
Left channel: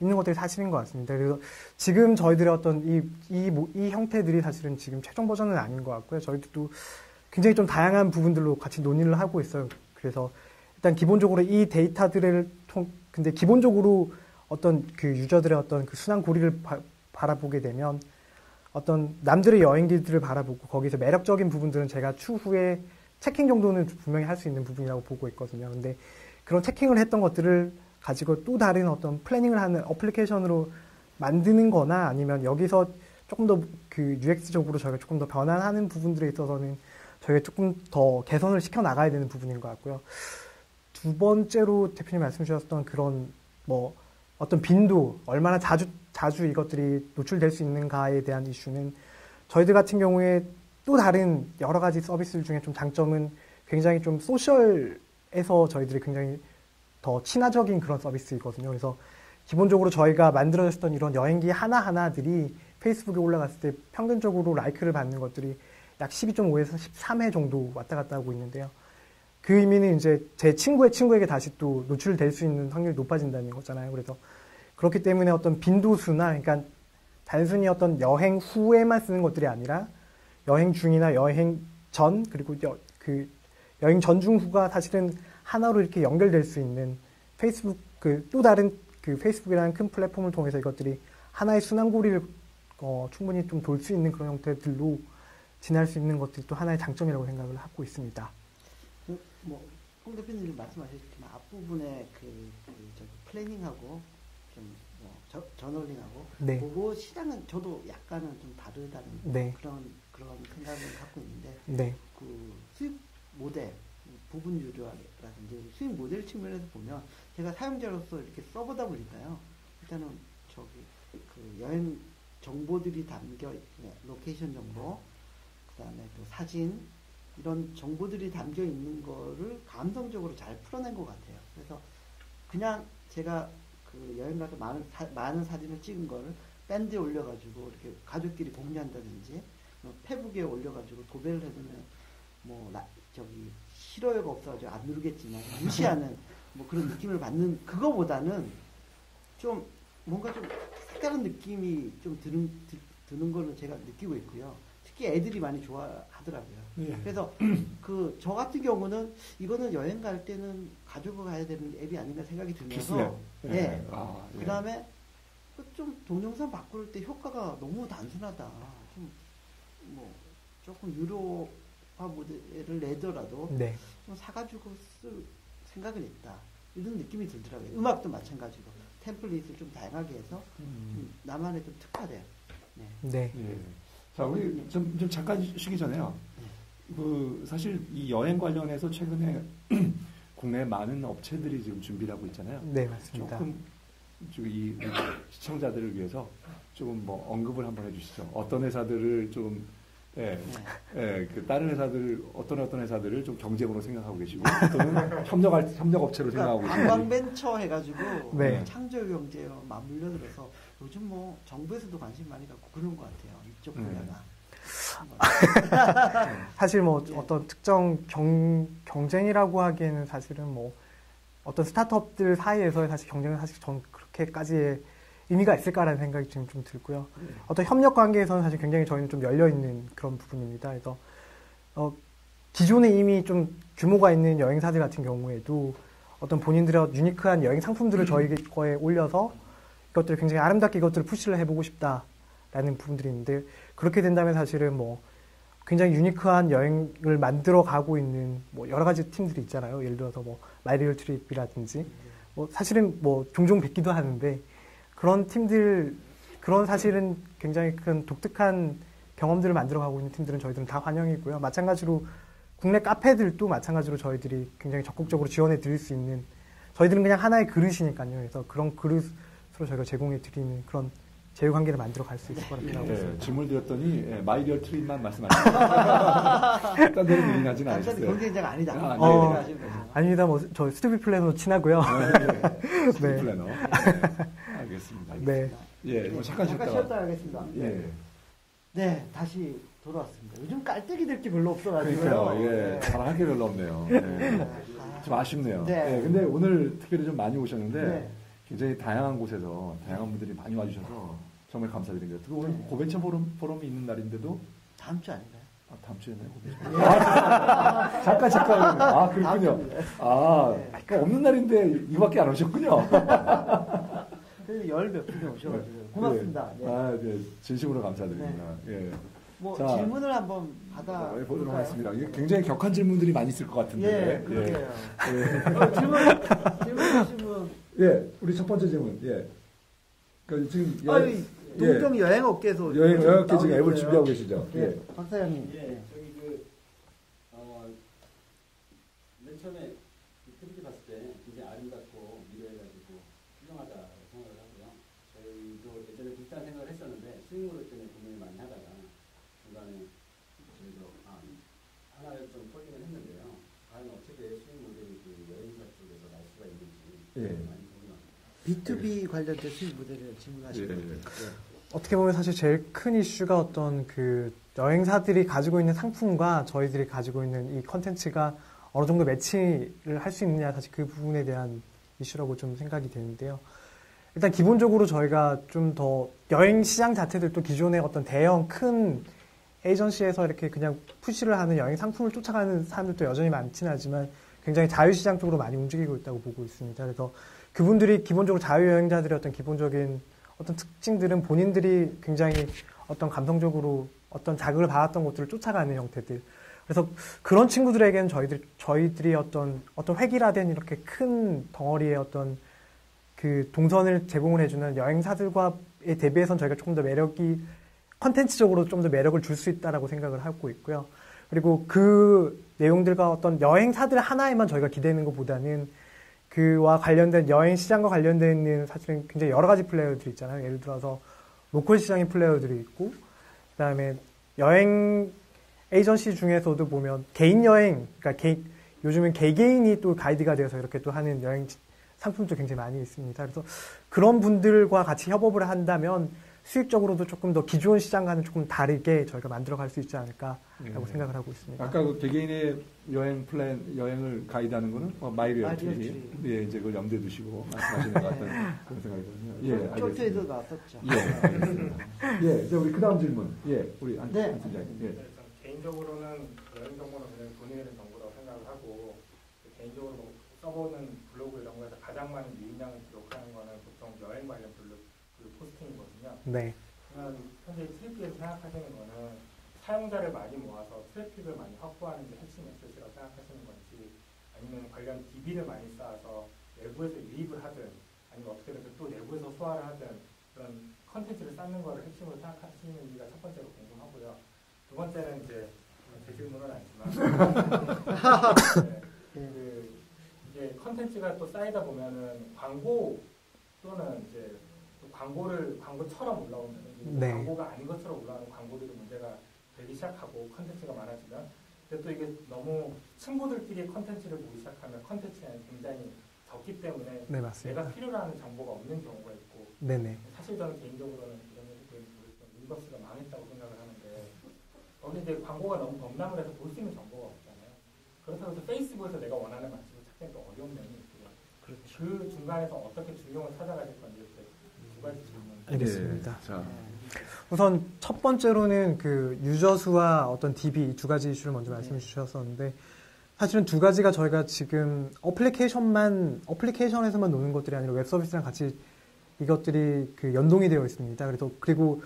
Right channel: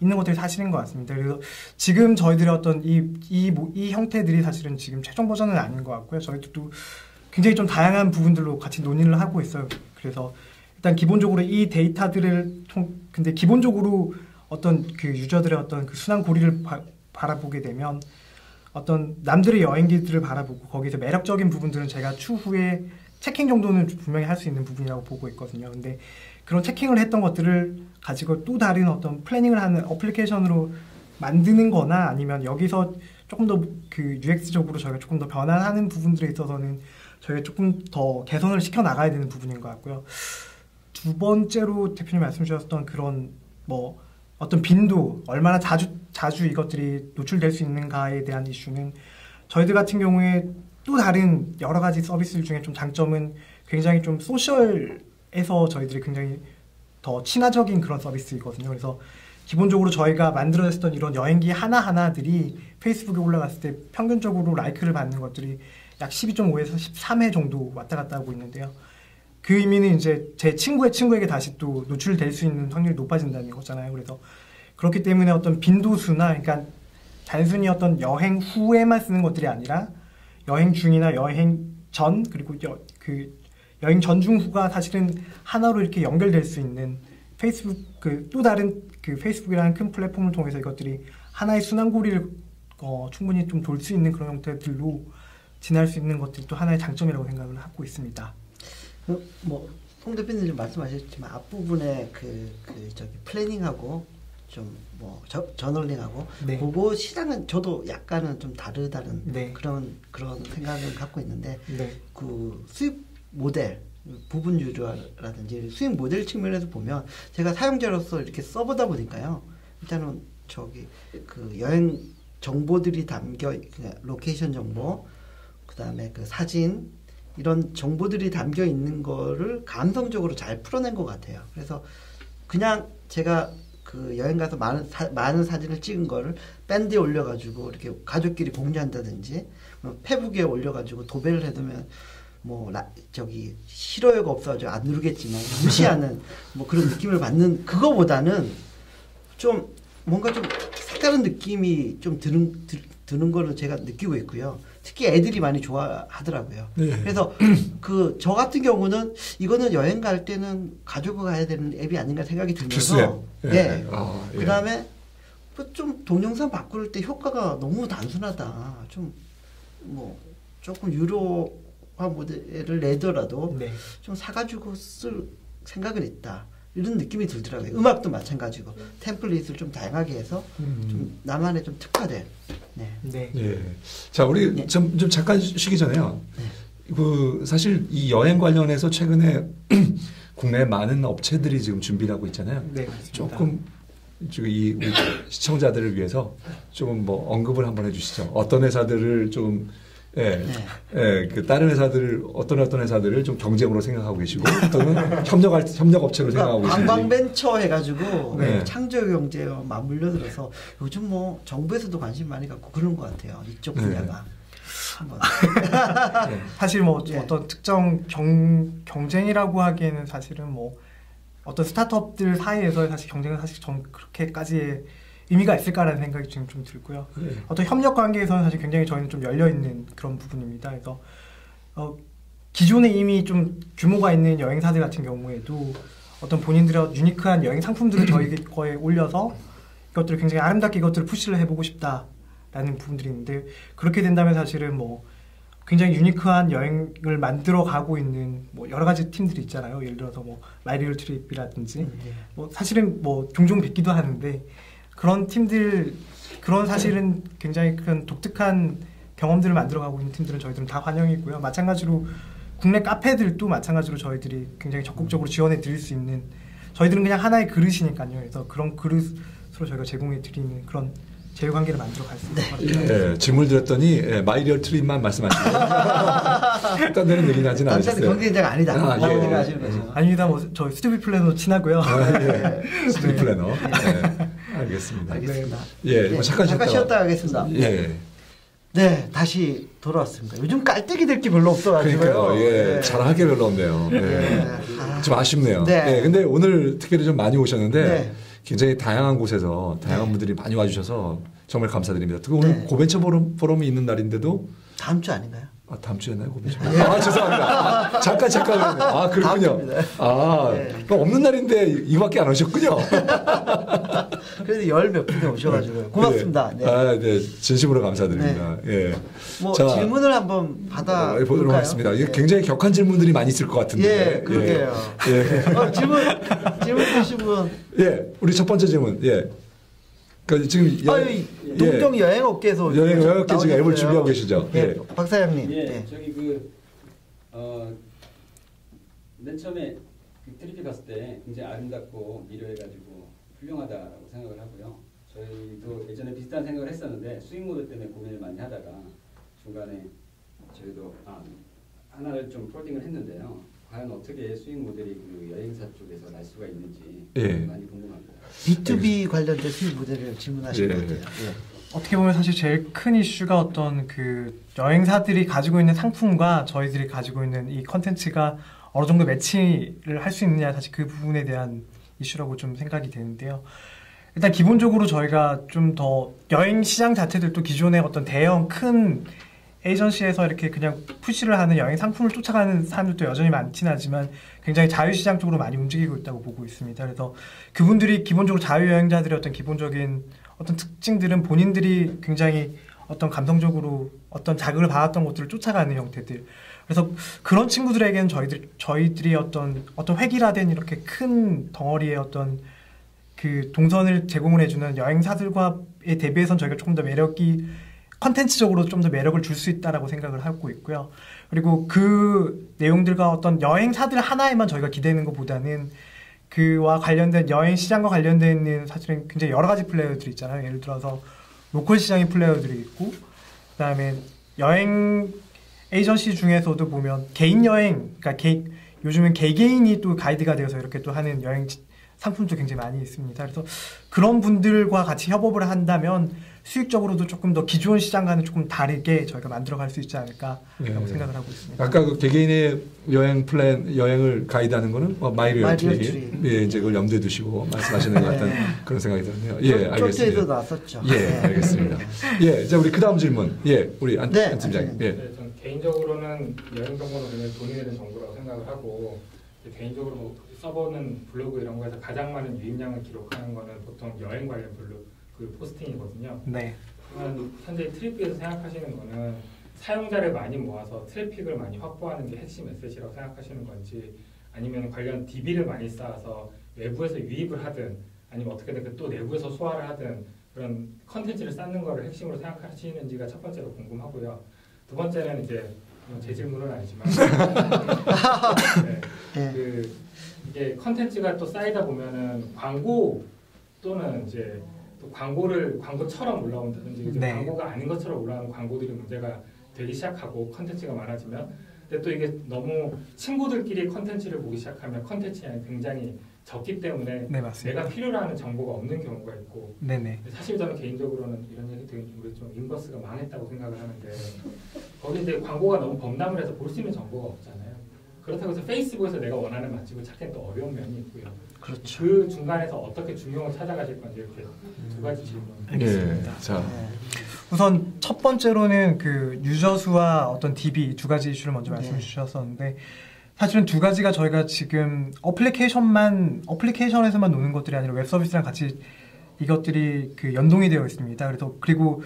있는 것들이 사실인 것 같습니다. 그래서 지금 저희들의 어떤 이 형태들이 사실은 지금 최종 버전은 아닌 것 같고요. 저희도 굉장히 좀 다양한 부분들로 같이 논의를 하고 있어요. 그래서 일단 기본적으로 이 데이터들을 근데 기본적으로 어떤 그 유저들의 어떤 그 순환 고리를 바라보게 되면 어떤 남들의 여행기들을 바라보고 거기서 매력적인 부분들은 제가 추후에 체킹 정도는 분명히 할 수 있는 부분이라고 보고 있거든요. 근데 그런 체킹을 했던 것들을 가지고 또 다른 어떤 플래닝을 하는 어플리케이션으로 만드는 거나 아니면 여기서 조금 더 그 UX적으로 저희가 조금 더 변환하는 부분들에 있어서는 저희가 조금 더 개선을 시켜 나가야 되는 부분인 것 같고요. 두 번째로 대표님 말씀 주셨던 그런 뭐 어떤 빈도, 얼마나 자주 이것들이 노출될 수 있는가에 대한 이슈는 저희들 같은 경우에 또 다른 여러 가지 서비스들 중에 좀 장점은 굉장히 좀 소셜에서 저희들이 굉장히 더 친화적인 그런 서비스이거든요. 그래서 기본적으로 저희가 만들어냈던 이런 여행기 하나하나들이 페이스북에 올라갔을 때 평균적으로 라이크를 받는 것들이 약 12.5에서 13회 정도 왔다 갔다 하고 있는데요. 그 의미는 이제 제 친구의 친구에게 다시 또 노출될 수 있는 확률이 높아진다는 거잖아요. 그래서 그렇기 때문에 어떤 빈도수나 그러니까 단순히 어떤 여행 후에만 쓰는 것들이 아니라 여행 중이나 여행 전 그리고 그 여행 전 중 후가 사실은 하나로 이렇게 연결될 수 있는 페이스북 그 또 다른 그 페이스북이라는 큰 플랫폼을 통해서 이것들이 하나의 순환고리를 충분히 좀 돌 수 있는 그런 형태들로 지날 수 있는 것들이 또 하나의 장점이라고 생각을 하고 있습니다. 뭐 송 대표님 말씀하셨지만 앞부분에 저기 플래닝하고 좀 뭐 저널링하고 네. 그거 시장은 저도 약간은 좀 다르다는 네. 그런 생각을 갖고 있는데 네. 그 수익 모델 부분 유료라든지 수익 모델 측면에서 보면 제가 사용자로서 이렇게 써보다 보니까요. 일단은 저기 그 여행 정보들이 로케이션 정보, 그다음에 그 사진 이런 정보들이 담겨 있는 거를 감성적으로 잘 풀어낸 것 같아요. 그래서 그냥 제가 그 여행 가서 많은 사진을 찍은 거를 밴드에 올려가지고 이렇게 가족끼리 공유한다든지 뭐 페북에 올려가지고 도배를 해두면 뭐 저기 싫어요가 없어가지고 안 누르겠지만 무시하는 뭐 그런 느낌을 받는 그거보다는 좀 뭔가 좀 색다른 느낌이 좀 드는 거를 제가 느끼고 있고요. 특히 애들이 많이 좋아하더라고요. 네. 그래서 그 저 같은 경우는 이거는 여행 갈 때는 가지고 가야 되는 앱이 아닌가 생각이 들면서 예. 네. 예. 그다음에 좀 동영상 바꿀 때 효과가 너무 단순하다. 좀 뭐 조금 유료화 모델을 내더라도 네. 좀 사가지고 쓸 생각은 있다. 이런 느낌이 들더라고요. 음악도 마찬가지고 템플릿을 좀 다양하게 해서 좀 나만의 좀 특화된. 네. 네. 예. 자, 우리 네. 좀 잠깐 쉬기 전에요. 그 사실 이 여행 관련해서 최근에 국내 많은 업체들이 지금 준비를 하고 있잖아요. 네, 그렇습니다. 조금 지금 우리 시청자들을 위해서 조금 뭐 언급을 한번 해주시죠. 어떤 회사들을 좀 그 다른 회사들을 어떤 회사들을 좀 경쟁으로 생각하고 계시고 또는 협력 업체로 생각하고 계시는지. 관광벤처 해가지고 네. 창조경제와 맞물려들어서 요즘 뭐 정부에서도 관심 많이 갖고 그런 것 같아요. 이쪽 분야가. 한번. 사실 뭐 네. 어떤 특정 경쟁이라고 하기에는 사실은 뭐 어떤 스타트업들 사이에서의 사실 경쟁은 사실 전 그렇게까지의 의미가 있을까라는 생각이 지금 좀 들고요. 네. 어떤 협력 관계에서는 사실 굉장히 저희는 좀 열려 있는 그런 부분입니다. 그래서 기존에 이미 좀 규모가 있는 여행사들 같은 경우에도 어떤 본인들의 유니크한 여행 상품들을 저희 거에 올려서 이것들을 굉장히 아름답게 이것들을 푸시를 해보고 싶다라는 부분들이 있는데 그렇게 된다면 사실은 뭐 굉장히 유니크한 여행을 만들어 가고 있는 뭐 여러 가지 팀들이 있잖아요. 예를 들어서 뭐 마이리얼 트립이라든지 뭐 사실은 뭐 종종 뵙기도 하는데 그런 팀들 그런 사실은 굉장히 큰 독특한 경험들을 만들어 가고 있는 팀들은 저희들은 다 환영이고요. 마찬가지로 국내 카페들도 마찬가지로 저희들이 굉장히 적극적으로 지원해 드릴 수 있는 저희들은 그냥 하나의 그릇이니까요. 그래서 그런 그릇으로 저희가 제공해 드리는 그런 제휴 관계를 만들어 갈 수 있을 것 같아요. 예, 질문 드렸더니 마이리얼 트립만 말씀하시고 딴 데는 얘기 나진 남자는 않으셨어요. 경쟁자가 아니다. 아, 이렇게 예. 하시는 거죠. 아닙니다. 뭐 저희 스튜디 플래너도 친하고요. 스트릿 플래너. 네. 알겠습니다. 알겠습니다. 예, 뭐 잠깐 쉬었다 가겠습니다. 예. 네, 다시 돌아왔습니다. 요즘 깔때기 될 게 별로 없어가지고요. 그러니까요. 예, 네. 잘할 게 별로 없네요. 예. 네. 좀 아쉽네요. 네. 예, 근데 오늘 특별히 좀 많이 오셨는데 네. 굉장히 다양한 곳에서 다양한 분들이 많이 와주셔서 정말 감사드립니다. 특히 오늘 네. 고벤처 포럼이 있는 날인데도 다음 주 아닌가요? 다음 주였나요, 고벤처? 아, 죄송합니다. 잠깐. 아, 그렇군요. 다음 주입니다. 아, 네. 그럼 없는 날인데 이거밖에 안 오셨군요. 그래도 열 몇 분이 오셔가지고요. 고맙습니다. 네. 아, 네, 진심으로 감사드립니다. 예. 뭐 자, 질문을 한번 받아 보도록 볼까요? 하겠습니다. 이게 네. 굉장히 격한 질문들이 많이 있을 것 같은데. 예, 그러게요. 예. 질문 주신 분. 예, 우리 첫 번째 질문. 예. 그 지금 동종 여행업계에서 여행업계 지금 앱을 나오셨어요. 준비하고 계시죠? 예, 예. 박 사장님. 예, 네. 저기 맨 처음에 그 트리피 갔을 때 굉장히 아름답고 미려해가지고 훌륭하다고 생각을 하고요. 저희도 예전에 비슷한 생각을 했었는데 수익 모델 때문에 고민을 많이 하다가 중간에 저희도 하나를 좀 폴딩을 했는데요. 과연 어떻게 수익 모델이 그 여행사 쪽에서 날 수가 있는지 예. 많이 궁금합니다. B2B 관련된 수익 모델을 질문하신 것 같아요. 어떻게 보면 사실 제일 큰 이슈가 어떤 그 여행사들이 가지고 있는 상품과 저희들이 가지고 있는 이 컨텐츠가 어느 정도 매치를 할 수 있느냐 사실 그 부분에 대한 이슈라고 좀 생각이 되는데요. 일단 기본적으로 저희가 좀 더 여행 시장 자체들도 기존의 어떤 대형 큰 에이전시에서 이렇게 그냥 푸시를 하는 여행 상품을 쫓아가는 사람들도 여전히 많지는 않지만 굉장히 자유시장 쪽으로 많이 움직이고 있다고 보고 있습니다. 그래서 그분들이 기본적으로 자유여행자들의 어떤 기본적인 어떤 특징들은 본인들이 굉장히 어떤 감성적으로 어떤 자극을 받았던 것들을 쫓아가는 형태들. 그래서 그런 친구들에게는 저희들이 어떤 획일화된 이렇게 큰 덩어리의 어떤 그 동선을 제공을 해주는 여행사들과에 대비해서는 저희가 조금 더 매력이 컨텐츠적으로 좀 더 매력을 줄 수 있다라고 생각을 하고 있고요. 그리고 그 내용들과 어떤 여행사들 하나에만 저희가 기대는 것보다는 그와 관련된 여행 시장과 관련되어 있는 사실은 굉장히 여러 가지 플레이어들이 있잖아요. 예를 들어서 로컬 시장의 플레이어들이 있고 그다음에 여행 에이전시 중에서도 보면 개인 여행, 그러니까 요즘은 개개인이 또 가이드가 되어서 이렇게 또 하는 여행 상품도 굉장히 많이 있습니다. 그래서 그런 분들과 같이 협업을 한다면 수익적으로도 조금 더 기존 시장과는 조금 다르게 저희가 만들어갈 수 있지 않을까라고 생각을 하고 있습니다. 아까 그 개개인의 여행 플랜, 여행을 가이드하는 거는 마이리얼 마이리얼 트리, 트리. 예, 이제 그걸 염두에 두시고 말씀하시는 것 같은 그런 생각이 드네요. 예, 쪽지에도 알겠습니다. 나왔었죠. 예, 알겠습니다. 예, 이제 우리 그 다음 질문. 예, 우리 안 팀장님. 예. 네, 전 개인적으로는 여행 정보는 굉장히 돈이 되는 정보라고 생각을 하고 개인적으로 뭐 써보는 블로그 이런 거에서 가장 많은 유입량을 기록하는 거는 보통 여행 관련 블로그 그 포스팅이거든요. 네. 그러면 현재 트리피에서 생각하시는 거는 사용자를 많이 모아서 트래픽을 많이 확보하는 게 핵심 에셋이라고 생각하시는 건지 아니면 관련 DB를 많이 쌓아서 외부에서 유입을 하든 아니면 어떻게든 또 내부에서 소화를 하든 그런 컨텐츠를 쌓는 거를 핵심으로 생각하시는지가 첫 번째로 궁금하고요. 두 번째는 이제 제 질문은 아니지만 네, 이게 컨텐츠가 또 쌓이다 보면은 광고 또는 이제 또 광고처럼 올라온다든지 네. 광고가 아닌 것처럼 올라오는 광고들이 문제가 되기 시작하고 컨텐츠가 많아지면 근데 또 이게 너무 친구들끼리 컨텐츠를 보기 시작하면 컨텐츠량이 굉장히 적기 때문에 네, 맞습니다. 내가 필요로 하는 정보가 없는 경우가 있고 네네. 사실 저는 개인적으로는 이런 얘기 되게 우리 좀 인버스가 망했다고 생각을 하는데 거기 이제 광고가 너무 범람을 해서 볼 수 있는 정보가 없잖아요. 그렇다고 해서 페이스북에서 내가 원하는 맛집을 찾기엔 또 어려운 면이 있고요. 그렇죠. 그 중간에서 어떻게 중용을 찾아가실 건지 이렇게 두 가지 질문. 알겠습니다. 예, 자, 우선 첫 번째로는 그 유저 수와 어떤 DB 두 가지 이슈를 먼저 말씀해 주셨었는데 사실은 두 가지가 저희가 지금 어플리케이션에서만 노는 것들이 아니라 웹 서비스랑 같이 이것들이 그 연동이 되어 있습니다. 그리고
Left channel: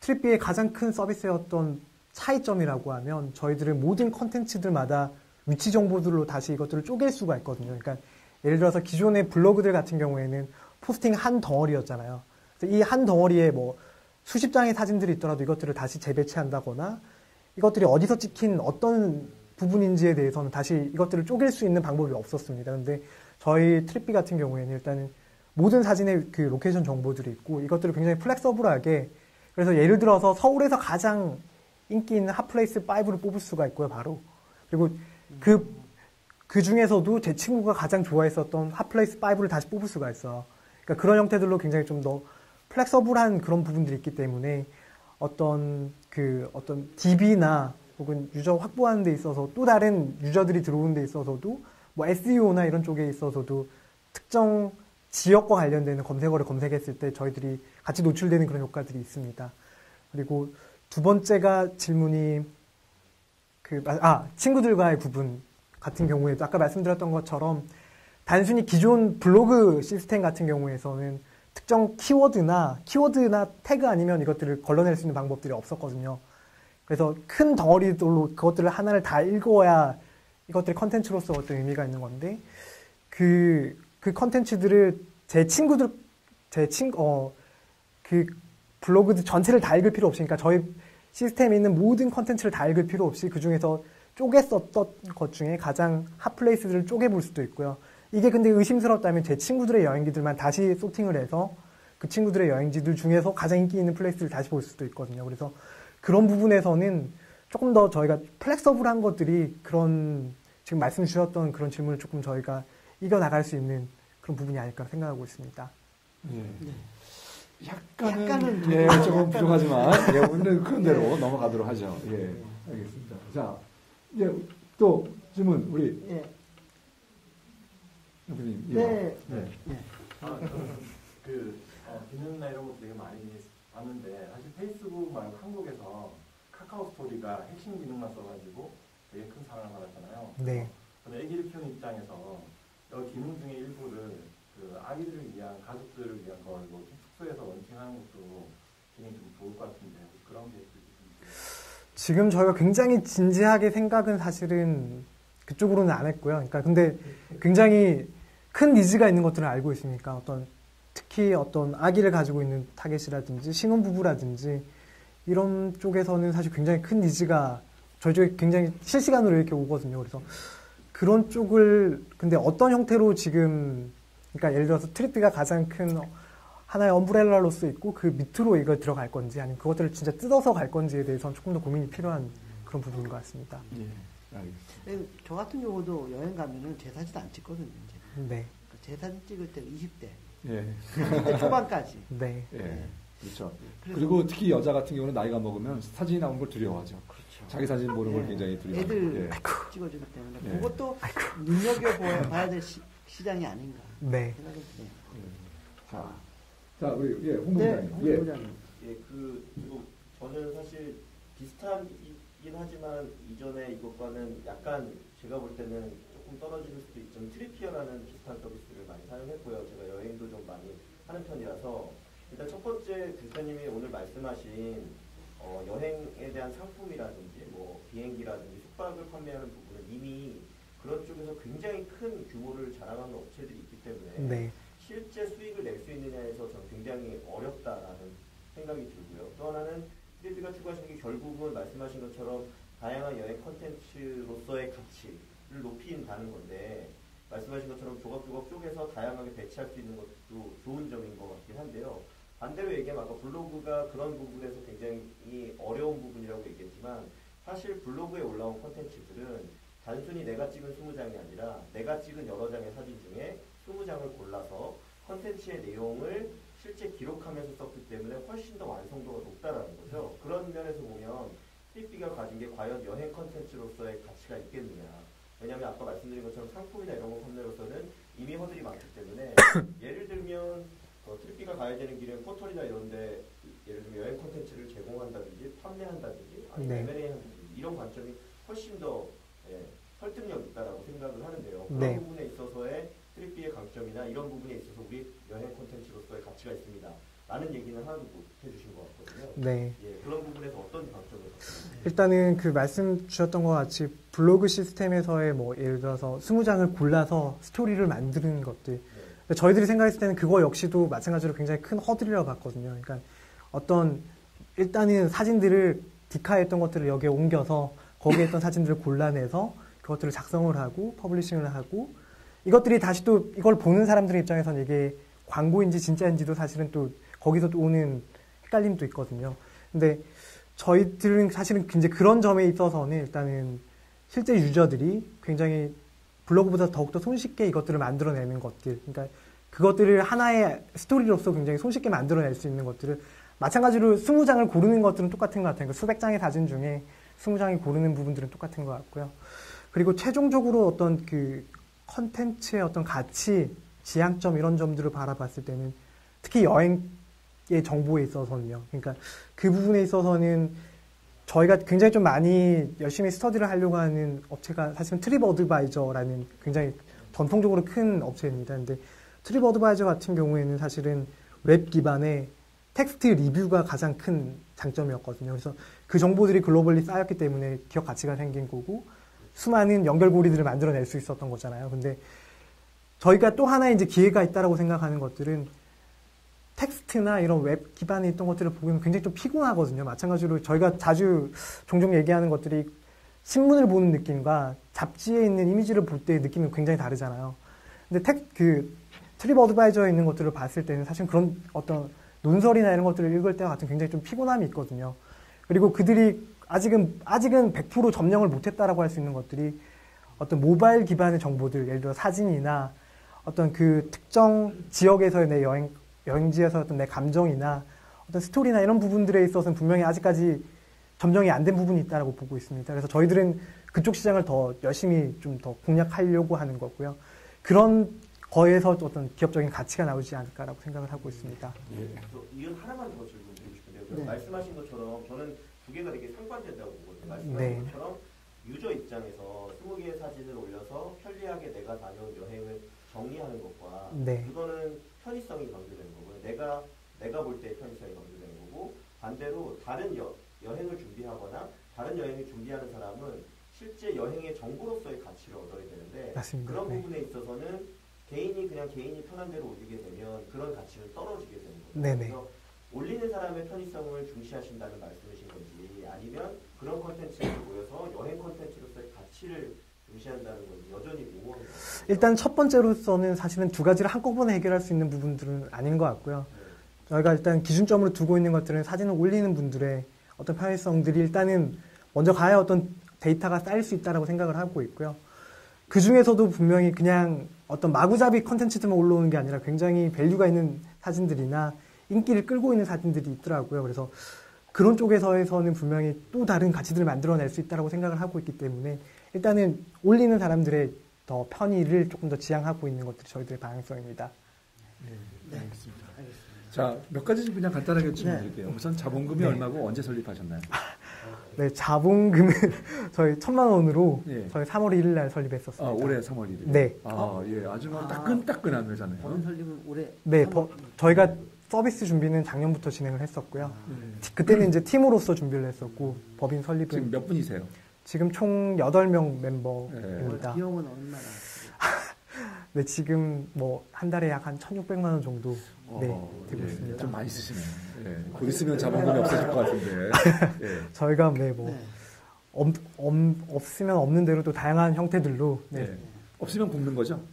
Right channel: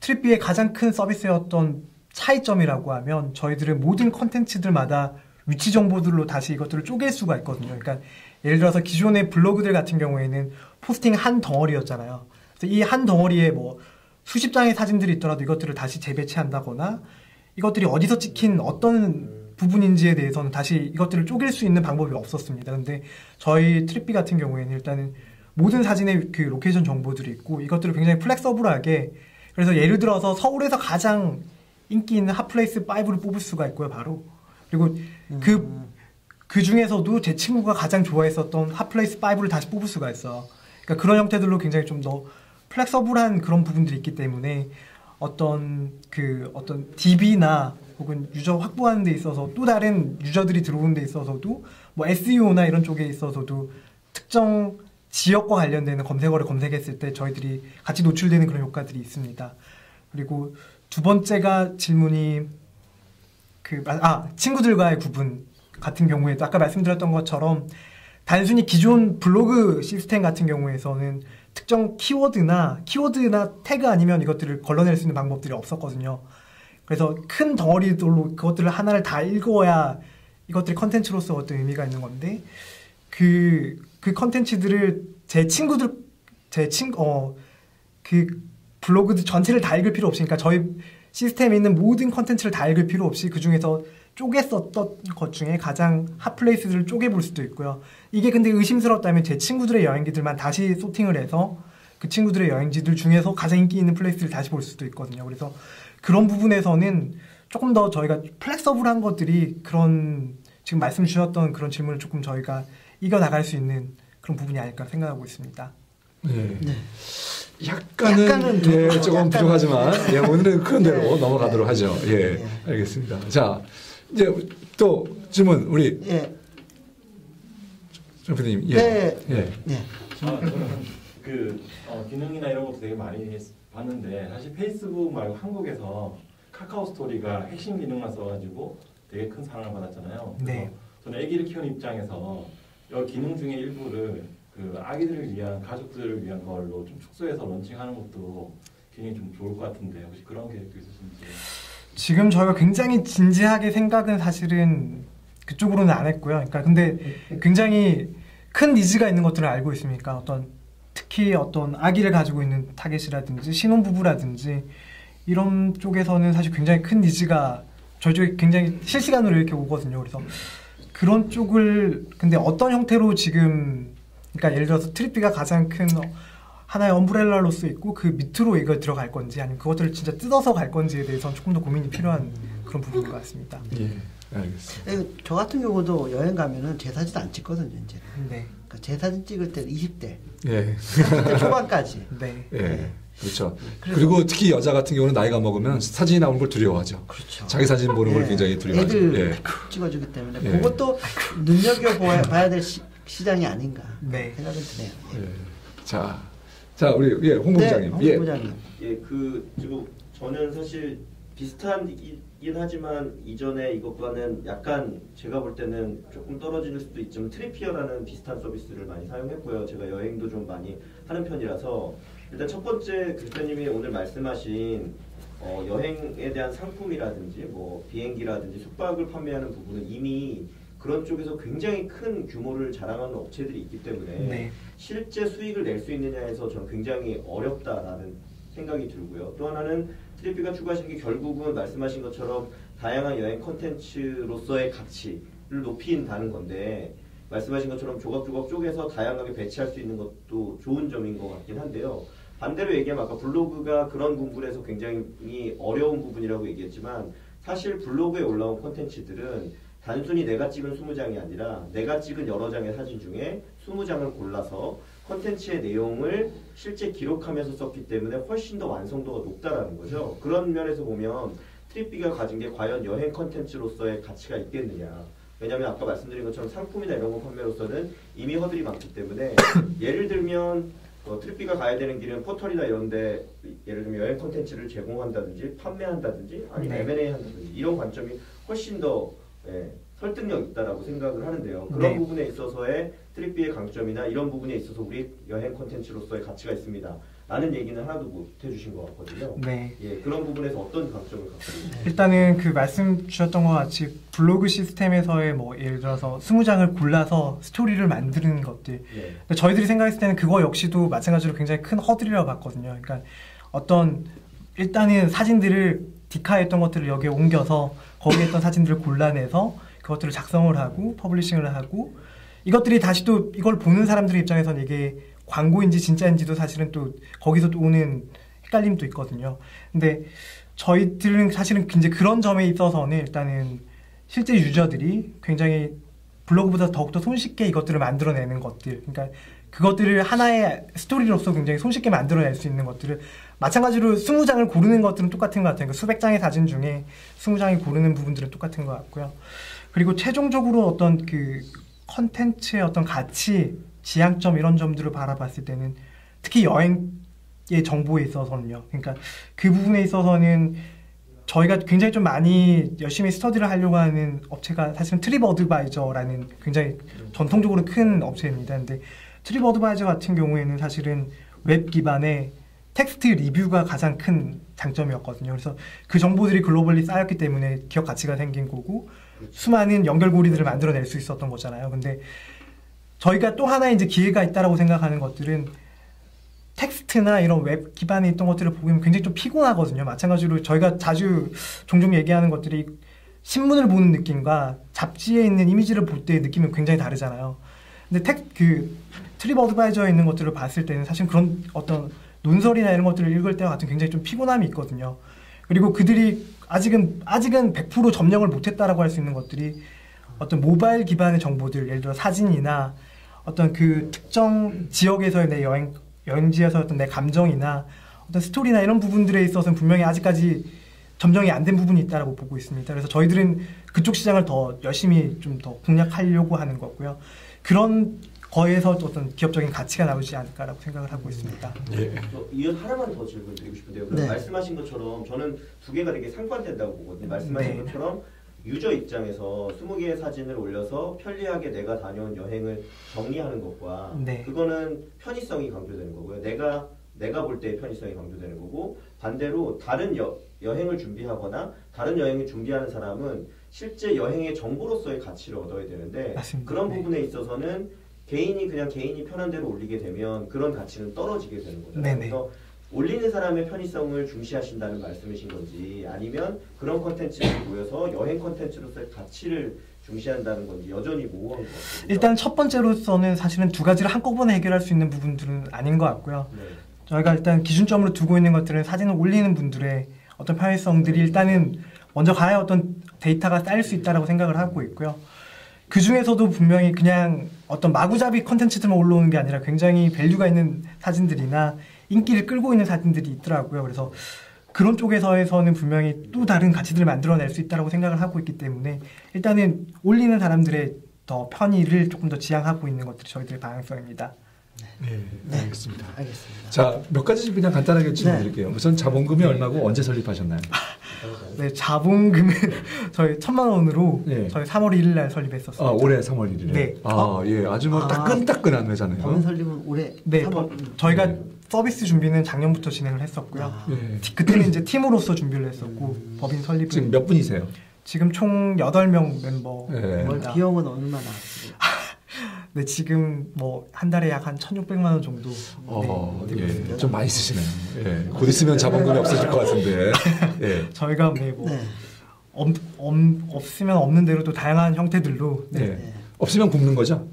트립비의 가장 큰 서비스의 어떤 차이점이라고 하면 저희들은 모든 컨텐츠들마다 위치 정보들로 다시 이것들을 쪼갤 수가 있거든요. 그러니까 예를 들어서 기존의 블로그들 같은 경우에는 포스팅 한 덩어리였잖아요. 그래서 이 한 덩어리에 뭐 수십 장의 사진들이 있더라도 이것들을 다시 재배치한다거나 이것들이 어디서 찍힌 어떤 부분인지에 대해서는 다시 이것들을 쪼갤 수 있는 방법이 없었습니다. 근데 저희 트립비 같은 경우에는 일단은 모든 사진의 그 로케이션 정보들이 있고 이것들을 굉장히 플렉서블하게 그래서 예를 들어서 서울에서 가장 인기 있는 핫플레이스 5를 뽑을 수가 있고요, 바로. 그리고 그 중에서도 제 친구가 가장 좋아했었던 핫플레이스 5를 다시 뽑을 수가 있어요. 그러니까 그런 형태들로 굉장히 좀 더 플렉서블한 그런 부분들이 있기 때문에 어떤 DB나 혹은 유저 확보하는 데 있어서 또 다른 유저들이 들어오는 데 있어서도 뭐 SEO나 이런 쪽에 있어서도 특정 지역과 관련되는 검색어를 검색했을 때 저희들이 같이 노출되는 그런 효과들이 있습니다. 그리고 두 번째가 질문이 친구들과의 구분 같은 경우에도 아까 말씀드렸던 것처럼 단순히 기존 블로그 시스템 같은 경우에서는 특정 키워드나 태그 아니면 이것들을 걸러낼 수 있는 방법들이 없었거든요. 그래서 큰 덩어리들로 그것들을 하나를 다 읽어야 이것들이 컨텐츠로서 어떤 의미가 있는 건데 그 컨텐츠들을 그 블로그들 전체를 다 읽을 필요 없으니까 저희 시스템에 있는 모든 컨텐츠를 다 읽을 필요 없이 그 중에서 쪼갰었던 것 중에 가장 핫플레이스들을 쪼개볼 수도 있고요. 이게 근데 의심스럽다면 제 친구들의 여행지들만 다시 소팅을 해서 그 친구들의 여행지들 중에서 가장 인기 있는 플레이스를 다시 볼 수도 있거든요. 그래서 그런 부분에서는 조금 더 저희가 플렉서블한 것들이 그런 지금 말씀 주셨던 그런 질문을 조금 저희가 이겨나갈 수 있는 그런 부분이 아닐까 생각하고 있습니다. 네. 약간은 조금 부족하지만 오늘은 그런 대로 넘어가도록 하죠. 알겠습니다. 자, 이제 또 질문 우리 정 PD님. 저는 기능이나 이런 것도 되게 많이 봤는데 사실 페이스북 말고 한국에서 카카오 스토리가 핵심 기능만 써가지고 되게 큰 사랑을 받았잖아요. 네. 저는 아기를 키우는 입장에서 이 기능 중에 일부를 그 아기들을 위한 가족들을 위한 걸로 좀 축소해서 런칭하는 것도 굉장히 좀 좋을 것 같은데 혹시 그런 계획도 있으신지? 지금 저희가 굉장히 진지하게 생각은 사실은 그쪽으로는 안 했고요. 그러니까 근데 굉장히 큰 니즈가 있는 것들을 알고 있으니까 특히 어떤 아기를 가지고 있는 타겟이라든지 신혼부부라든지 이런 쪽에서는 사실 굉장히 큰 니즈가 저희 쪽에 굉장히 실시간으로 이렇게 오거든요. 그래서 그런 쪽을 근데 어떤 형태로 지금 그러니까 예를 들어서 트립비가 가장 큰 하나의 엄브렐라로서 있고 그 밑으로 이걸 들어갈 건지 아니면 그것들을 진짜 뜯어서 갈 건지에 대해서는 조금 더 고민이 필요한 그런 부분인 것 같습니다. 알겠습니다. 저 같은 경우도 여행 가면은 제 사진 안 찍거든요, 이제. 네. 그러니까 제 사진 찍을 때 20대, 예. 30대 초반까지. 네. 예. 그렇죠. 그래서- 그리고 특히 여자 같은 경우는 나이가 먹으면 사진이 나오는 걸 두려워하죠. 그렇죠. 자기 사진 보는 걸 예. 굉장히 두려워하죠. 애들 예. 찍어주기 때문에 예. 그것도 눈여겨봐야 될 시장이 아닌가 네. 생각은 드네요. 예. 예. 자 우리 예, 홍 부장님. 홍 예. 부장님. 예, 그리고 저는 사실 비슷하긴 하지만 이전에 이것과는 약간 제가 볼 때는 조금 떨어질 수도 있지만 트리피어라는 비슷한 서비스를 많이 사용했고요. 제가 여행도 좀 많이 하는 편이라서 일단 첫 번째 교수님이 오늘 말씀하신 여행에 대한 상품이라든지 뭐 비행기라든지 숙박을 판매하는 부분은 이미 그런 쪽에서 굉장히 큰 규모를 자랑하는 업체들이 있기 때문에 네. 실제 수익을 낼 수 있느냐에서 저는 굉장히 어렵다라는 생각이 들고요. 또 하나는 트리피가 추구하시는 게 결국은 말씀하신 것처럼 다양한 여행 콘텐츠로서의 가치를 높인다는 건데 말씀하신 것처럼 조각조각 쪼개서 다양하게 배치할 수 있는 것도 좋은 점인 것 같긴 한데요. 반대로 얘기하면 아까 블로그가 그런 부분에서 굉장히 어려운 부분이라고 얘기했지만 사실 블로그에 올라온 콘텐츠들은 단순히 내가 찍은 20장이 아니라 내가 찍은 여러 장의 사진 중에 20장을 골라서 콘텐츠의 내용을 실제 기록하면서 썼기 때문에 훨씬 더 완성도가 높다라는 거죠. 그런 면에서 보면 트립비가 가진 게 과연 여행 콘텐츠로서의 가치가 있겠느냐. 왜냐하면 아까 말씀드린 것처럼 상품이나 이런 거 판매로서는 이미 허들이 많기 때문에 예를 들면 트립비가 가야 되는 길은 포털이나 이런데 예를 들면 여행 콘텐츠를 제공한다든지 판매한다든지 아니면 네. M&A 한다든지 이런 관점이 훨씬 더 설득력 있다라고 생각을 하는데요. 그런 네. 부분에 있어서의 트립비의 강점이나 이런 부분에 있어서 우리 여행 콘텐츠로서의 가치가 있습니다. 라는 얘기는 하나도 못 해주신 것 같거든요. 네. 예, 그런 부분에서 어떤 강점을 갖고 있나요? 일단은 그 말씀 주셨던 것 같이 블로그 시스템에서의 뭐 예를 들어서 20장을 골라서 스토리를 만드는 것들. 네. 근데 저희들이 생각했을 때는 그거 역시도 마찬가지로 굉장히 큰 허들이라고 봤거든요. 그러니까 어떤 일단은 사진들을 디카에 했던 것들을 여기에 옮겨서 거기에 있던 사진들을 골라내서 그것들을 작성을 하고 퍼블리싱을 하고 이것들이 다시 또 이걸 보는 사람들의 입장에서는 이게 광고인지 진짜인지도 사실은 또 거기서 또 오는 헷갈림도 있거든요. 근데 저희들은 사실은 이제 그런 점에 있어서는 일단은 실제 유저들이 굉장히 블로그보다 더욱더 손쉽게 이것들을 만들어내는 것들, 그러니까 그것들을 하나의 스토리로서 굉장히 손쉽게 만들어낼 수 있는 것들을 마찬가지로 20장을 고르는 것들은 똑같은 것 같아요. 그러니까 수백 장의 사진 중에 20장이 고르는 부분들은 똑같은 것 같고요. 그리고 최종적으로 어떤 그 컨텐츠의 어떤 가치, 지향점 이런 점들을 바라봤을 때는 특히 여행의 정보에 있어서는요. 그러니까 그 부분에 있어서는 저희가 굉장히 좀 많이 열심히 스터디를 하려고 하는 업체가 사실은 트립 어드바이저라는 굉장히 전통적으로 큰 업체입니다. 근데 트립 어드바이저 같은 경우에는 사실은 웹 기반의 텍스트 리뷰가 가장 큰 장점이었거든요. 그래서 그 정보들이 글로벌리 쌓였기 때문에 기업 가치가 생긴 거고 수많은 연결고리들을 만들어낼 수 있었던 거잖아요. 근데 저희가 또 하나의 이제 기회가 있다라고 생각하는 것들은 텍스트나 이런 웹 기반에 있던 것들을 보면 굉장히 좀 피곤하거든요. 마찬가지로 저희가 자주 종종 얘기하는 것들이 신문을 보는 느낌과 잡지에 있는 이미지를 볼 때의 느낌이 굉장히 다르잖아요. 근데 트립 어드바이저에 있는 것들을 봤을 때는 사실 그런 어떤 논설이나 이런 것들을 읽을 때와 같은 굉장히 좀 피곤함이 있거든요. 그리고 그들이 아직은 100% 점령을 못했다라고 할 수 있는 것들이 어떤 모바일 기반의 정보들, 예를 들어 사진이나 어떤 그 특정 지역에서의 내 여행지에서 어떤 내 감정이나 어떤 스토리나 이런 부분들에 있어서는 분명히 아직까지 점령이 안 된 부분이 있다라고 보고 있습니다. 그래서 저희들은 그쪽 시장을 더 열심히 좀 더 공략하려고 하는 거고요. 그런 거에서 어떤 기업적인 가치가 나오지 않을까라고 생각을 하고 있습니다. 예. 이건 하나만 더 질문 드리고 싶은데요. 네. 말씀하신 것처럼 저는 두 개가 되게 상반된다고 보거든요. 말씀하신 네. 것처럼 유저 입장에서 20개의 사진을 올려서 편리하게 내가 다녀온 여행을 정리하는 것과 네. 그거는 편의성이 강조되는 거고요. 내가 볼 때의 편의성이 강조되는 거고 반대로 다른 여행을 준비하거나 다른 여행을 준비하는 사람은 실제 여행의 정보로서의 가치를 얻어야 되는데 맞습니다. 그런 네. 부분에 있어서는 개인이 편한 대로 올리게 되면 그런 가치는 떨어지게 되는 거잖아요. 네네. 그래서 올리는 사람의 편의성을 중시하신다는 말씀이신 건지 아니면 그런 컨텐츠를 모여서 여행 컨텐츠로서의 가치를 중시한다는 건지 여전히 모호한 것 같아요. 일단 첫 번째로서는 사실은 두 가지를 한꺼번에 해결할 수 있는 부분들은 아닌 것 같고요. 네. 저희가 일단 기준점으로 두고 있는 것들은 사진을 올리는 분들의 어떤 편의성들이 일단은 먼저 가야 어떤 데이터가 쌓일 수 있다라고 생각을 하고 있고요. 그 중에서도 분명히 그냥 어떤 마구잡이 컨텐츠들만 올라오는 게 아니라 굉장히 밸류가 있는 사진들이나 인기를 끌고 있는 사진들이 있더라고요. 그래서 그런 쪽에서는 분명히 또 다른 가치들을 만들어낼 수 있다고 생각을 하고 있기 때문에 일단은 올리는 사람들의 더 편의를 조금 더 지향하고 있는 것들이 저희들의 방향성입니다. 네, 알겠습니다. 알겠습니다. 자, 몇 가지 그냥 간단하게 질문드릴게요. 우선 자본금이 얼마고 언제 설립하셨나요? 네, 자본금은 저희 1,000만 원으로 예. 저희 3월 1일 날 설립했었습니다. 아, 올해 3월 1일에. 네. 아, 예, 아주 뭐 따끈따끈한 회사네요. 법인 설립은 올해 네, 3월. 저희가 네. 서비스 준비는 작년부터 진행을 했었고요. 예. 그때는 이제 팀으로서 준비를 했었고 법인 설립은 지금 몇 분이세요? 지금 총 8명 멤버입니다. 월 비용은 얼마나 나왔어요? 네, 지금 뭐 한 달에 약 한 1,600만 원 정도. 예, 좀 많이 쓰시네요. 예, 곧 있으면 자본금이 없어질 것 같은데. 예. 저희가 네, 뭐 없으면 없는 대로 또 다양한 형태들로 네. 예. 없으면 굽는 거죠?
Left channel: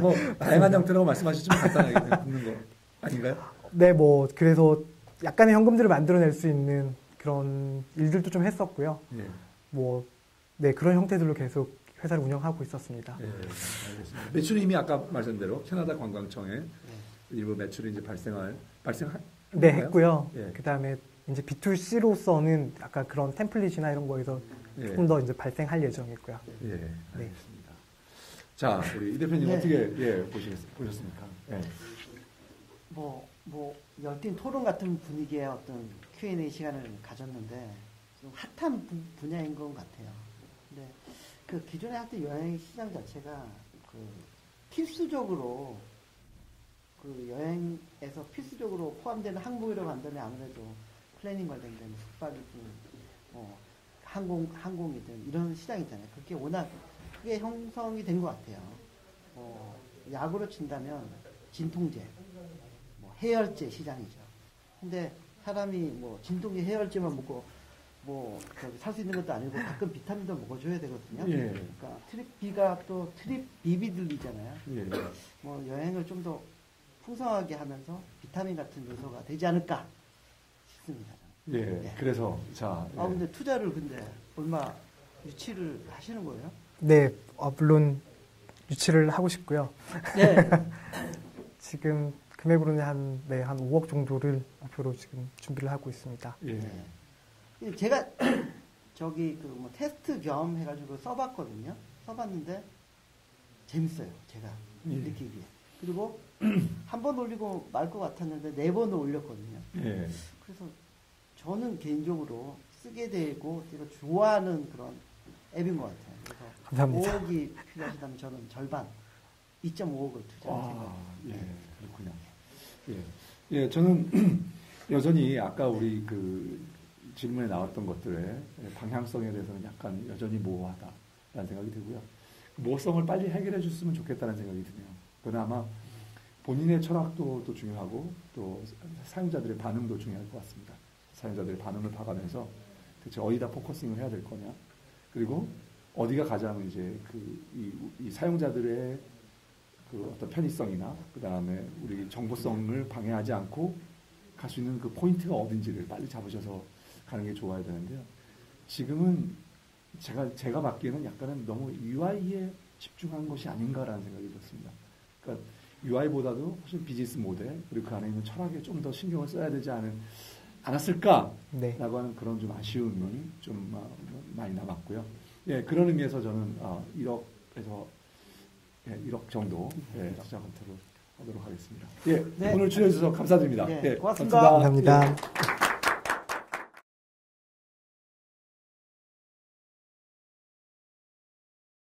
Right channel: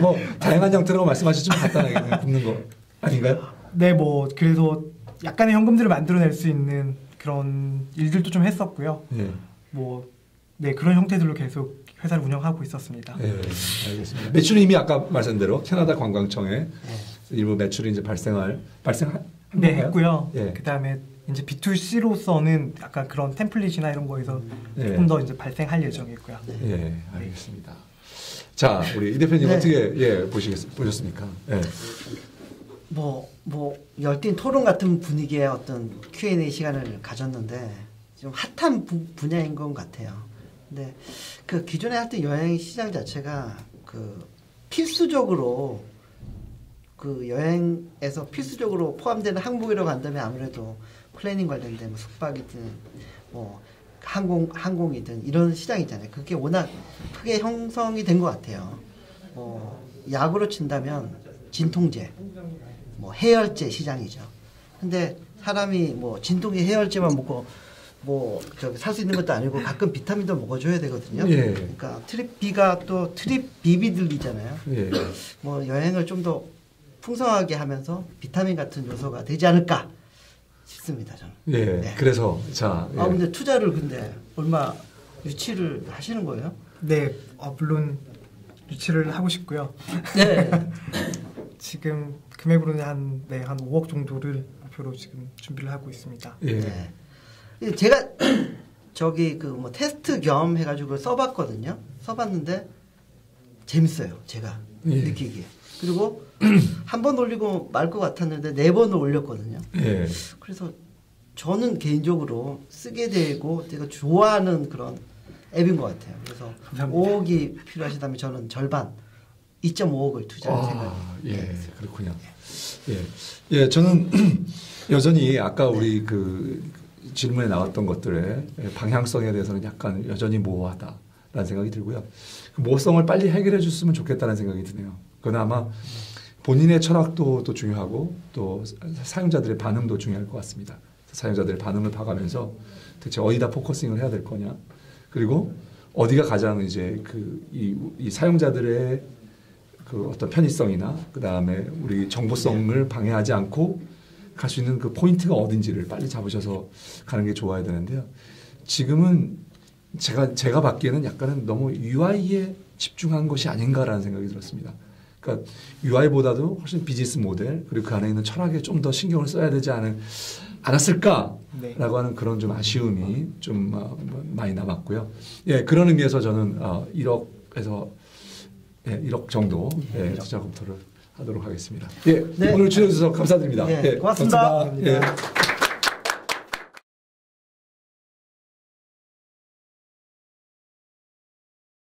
뭐 다양한 형태라고 말씀하시지만 간단하게 그냥 굽는 거 아닌가요? 네, 뭐 그래서 약간의 현금들을 만들어낼 수 있는 그런 일들도 좀 했었고요. 예. 뭐 네, 그런 형태들로 계속 회사를 운영하고 있었습니다. 예, 알겠습니다. 매출은 이미 아까 말씀한 대로 캐나다 관광청에 일부 매출이 이제 네, 했고요. 예. 그다음에 이제 B2C로서는 약간 그런 템플릿이나 이런 거에서 예. 조금 더 이제 발생할 예정이고요. 예, 알겠습니다. 자, 우리 이 대표님 네. 어떻게 보셨습니까? 예. 뭐 열띤 토론 같은 분위기의 어떤 Q&A 시간을 가졌는데 좀 핫한 분야인 것 같아요. 근데 그 기존에 하여튼 여행 시장 자체가 그 필수적으로 그 여행에서 필수적으로 포함되는 항목이라고 한다면 아무래도 플래닝 관련된 뭐 숙박이든 뭐 항공이든 이런 시장이잖아요. 그게 워낙 크게 형성이 된 것 같아요. 뭐 약으로 친다면 진통제, 뭐 해열제 시장이죠. 근데 사람이 뭐 진통제 해열제만 먹고 뭐 저기 살 수 있는 것도 아니고 가끔 비타민도 먹어줘야 되거든요. 예. 그러니까 트립비가 또 트립비비들이잖아요. 예. 뭐 여행을 좀 더 풍성하게 하면서 비타민 같은 요소가 되지 않을까 싶습니다. 저는. 예. 네. 그래서 자, 예. 근데 투자를 근데 얼마 유치를 하시는 거예요? 네, 물론 유치를 하고 싶고요. 네. 지금 금액으로는 한 5억 정도를 목표로 지금 준비를 하고 있습니다. 예. 네. 제가 저기 그 뭐 테스트 겸 해가지고 써봤거든요. 써봤는데 재밌어요. 제가 예. 느끼기에. 그리고 한 번 올리고 말 것 같았는데 4번을 올렸거든요. 예. 그래서 저는 개인적으로 쓰게 되고 제가 좋아하는 그런 앱인 것 같아요. 그래서 감사합니다. 5억이 필요하시다면 저는 절반 2.5억을 투자할 생각입니다. 예, 그렇군요. 예, 예, 저는 여전히 아까 우리 그 질문에 나왔던 것들의 방향성에 대해서는 약간 여전히 모호하다라는 생각이 들고요. 그 모호성을 빨리 해결해 줬으면 좋겠다는 생각이 드네요. 그건 아마 본인의 철학도 또 중요하고 또 사용자들의 반응도 중요할 것 같습니다. 사용자들의 반응을 봐가면서 대체 어디다 포커싱을 해야 될 거냐, 그리고 어디가 가장 이제 이 사용자들의 그 어떤 편의성이나 그 다음에 우리 정보성을 방해하지 않고 갈 수 있는 그 포인트가 어딘지를 빨리 잡으셔서 가는 게 좋아야 되는데요. 지금은 제가 받기에는 약간은 너무 UI에 집중한 것이 아닌가라는 생각이 들었습니다. 그러니까 UI보다도 훨씬 비즈니스 모델 그리고 그 안에 있는 철학에 좀 더 신경을 써야 되지 않았을까라고 네. 하는 그런 좀 아쉬움이 좀 많이 남았고요. 예, 그런 의미에서 저는 1억에서 1억 정도 투자 검토를 하도록 하겠습니다. 예, 네. 오늘 출연해 주셔서 감사드립니다. 네, 예, 고맙습니다. 감사합니다. 예.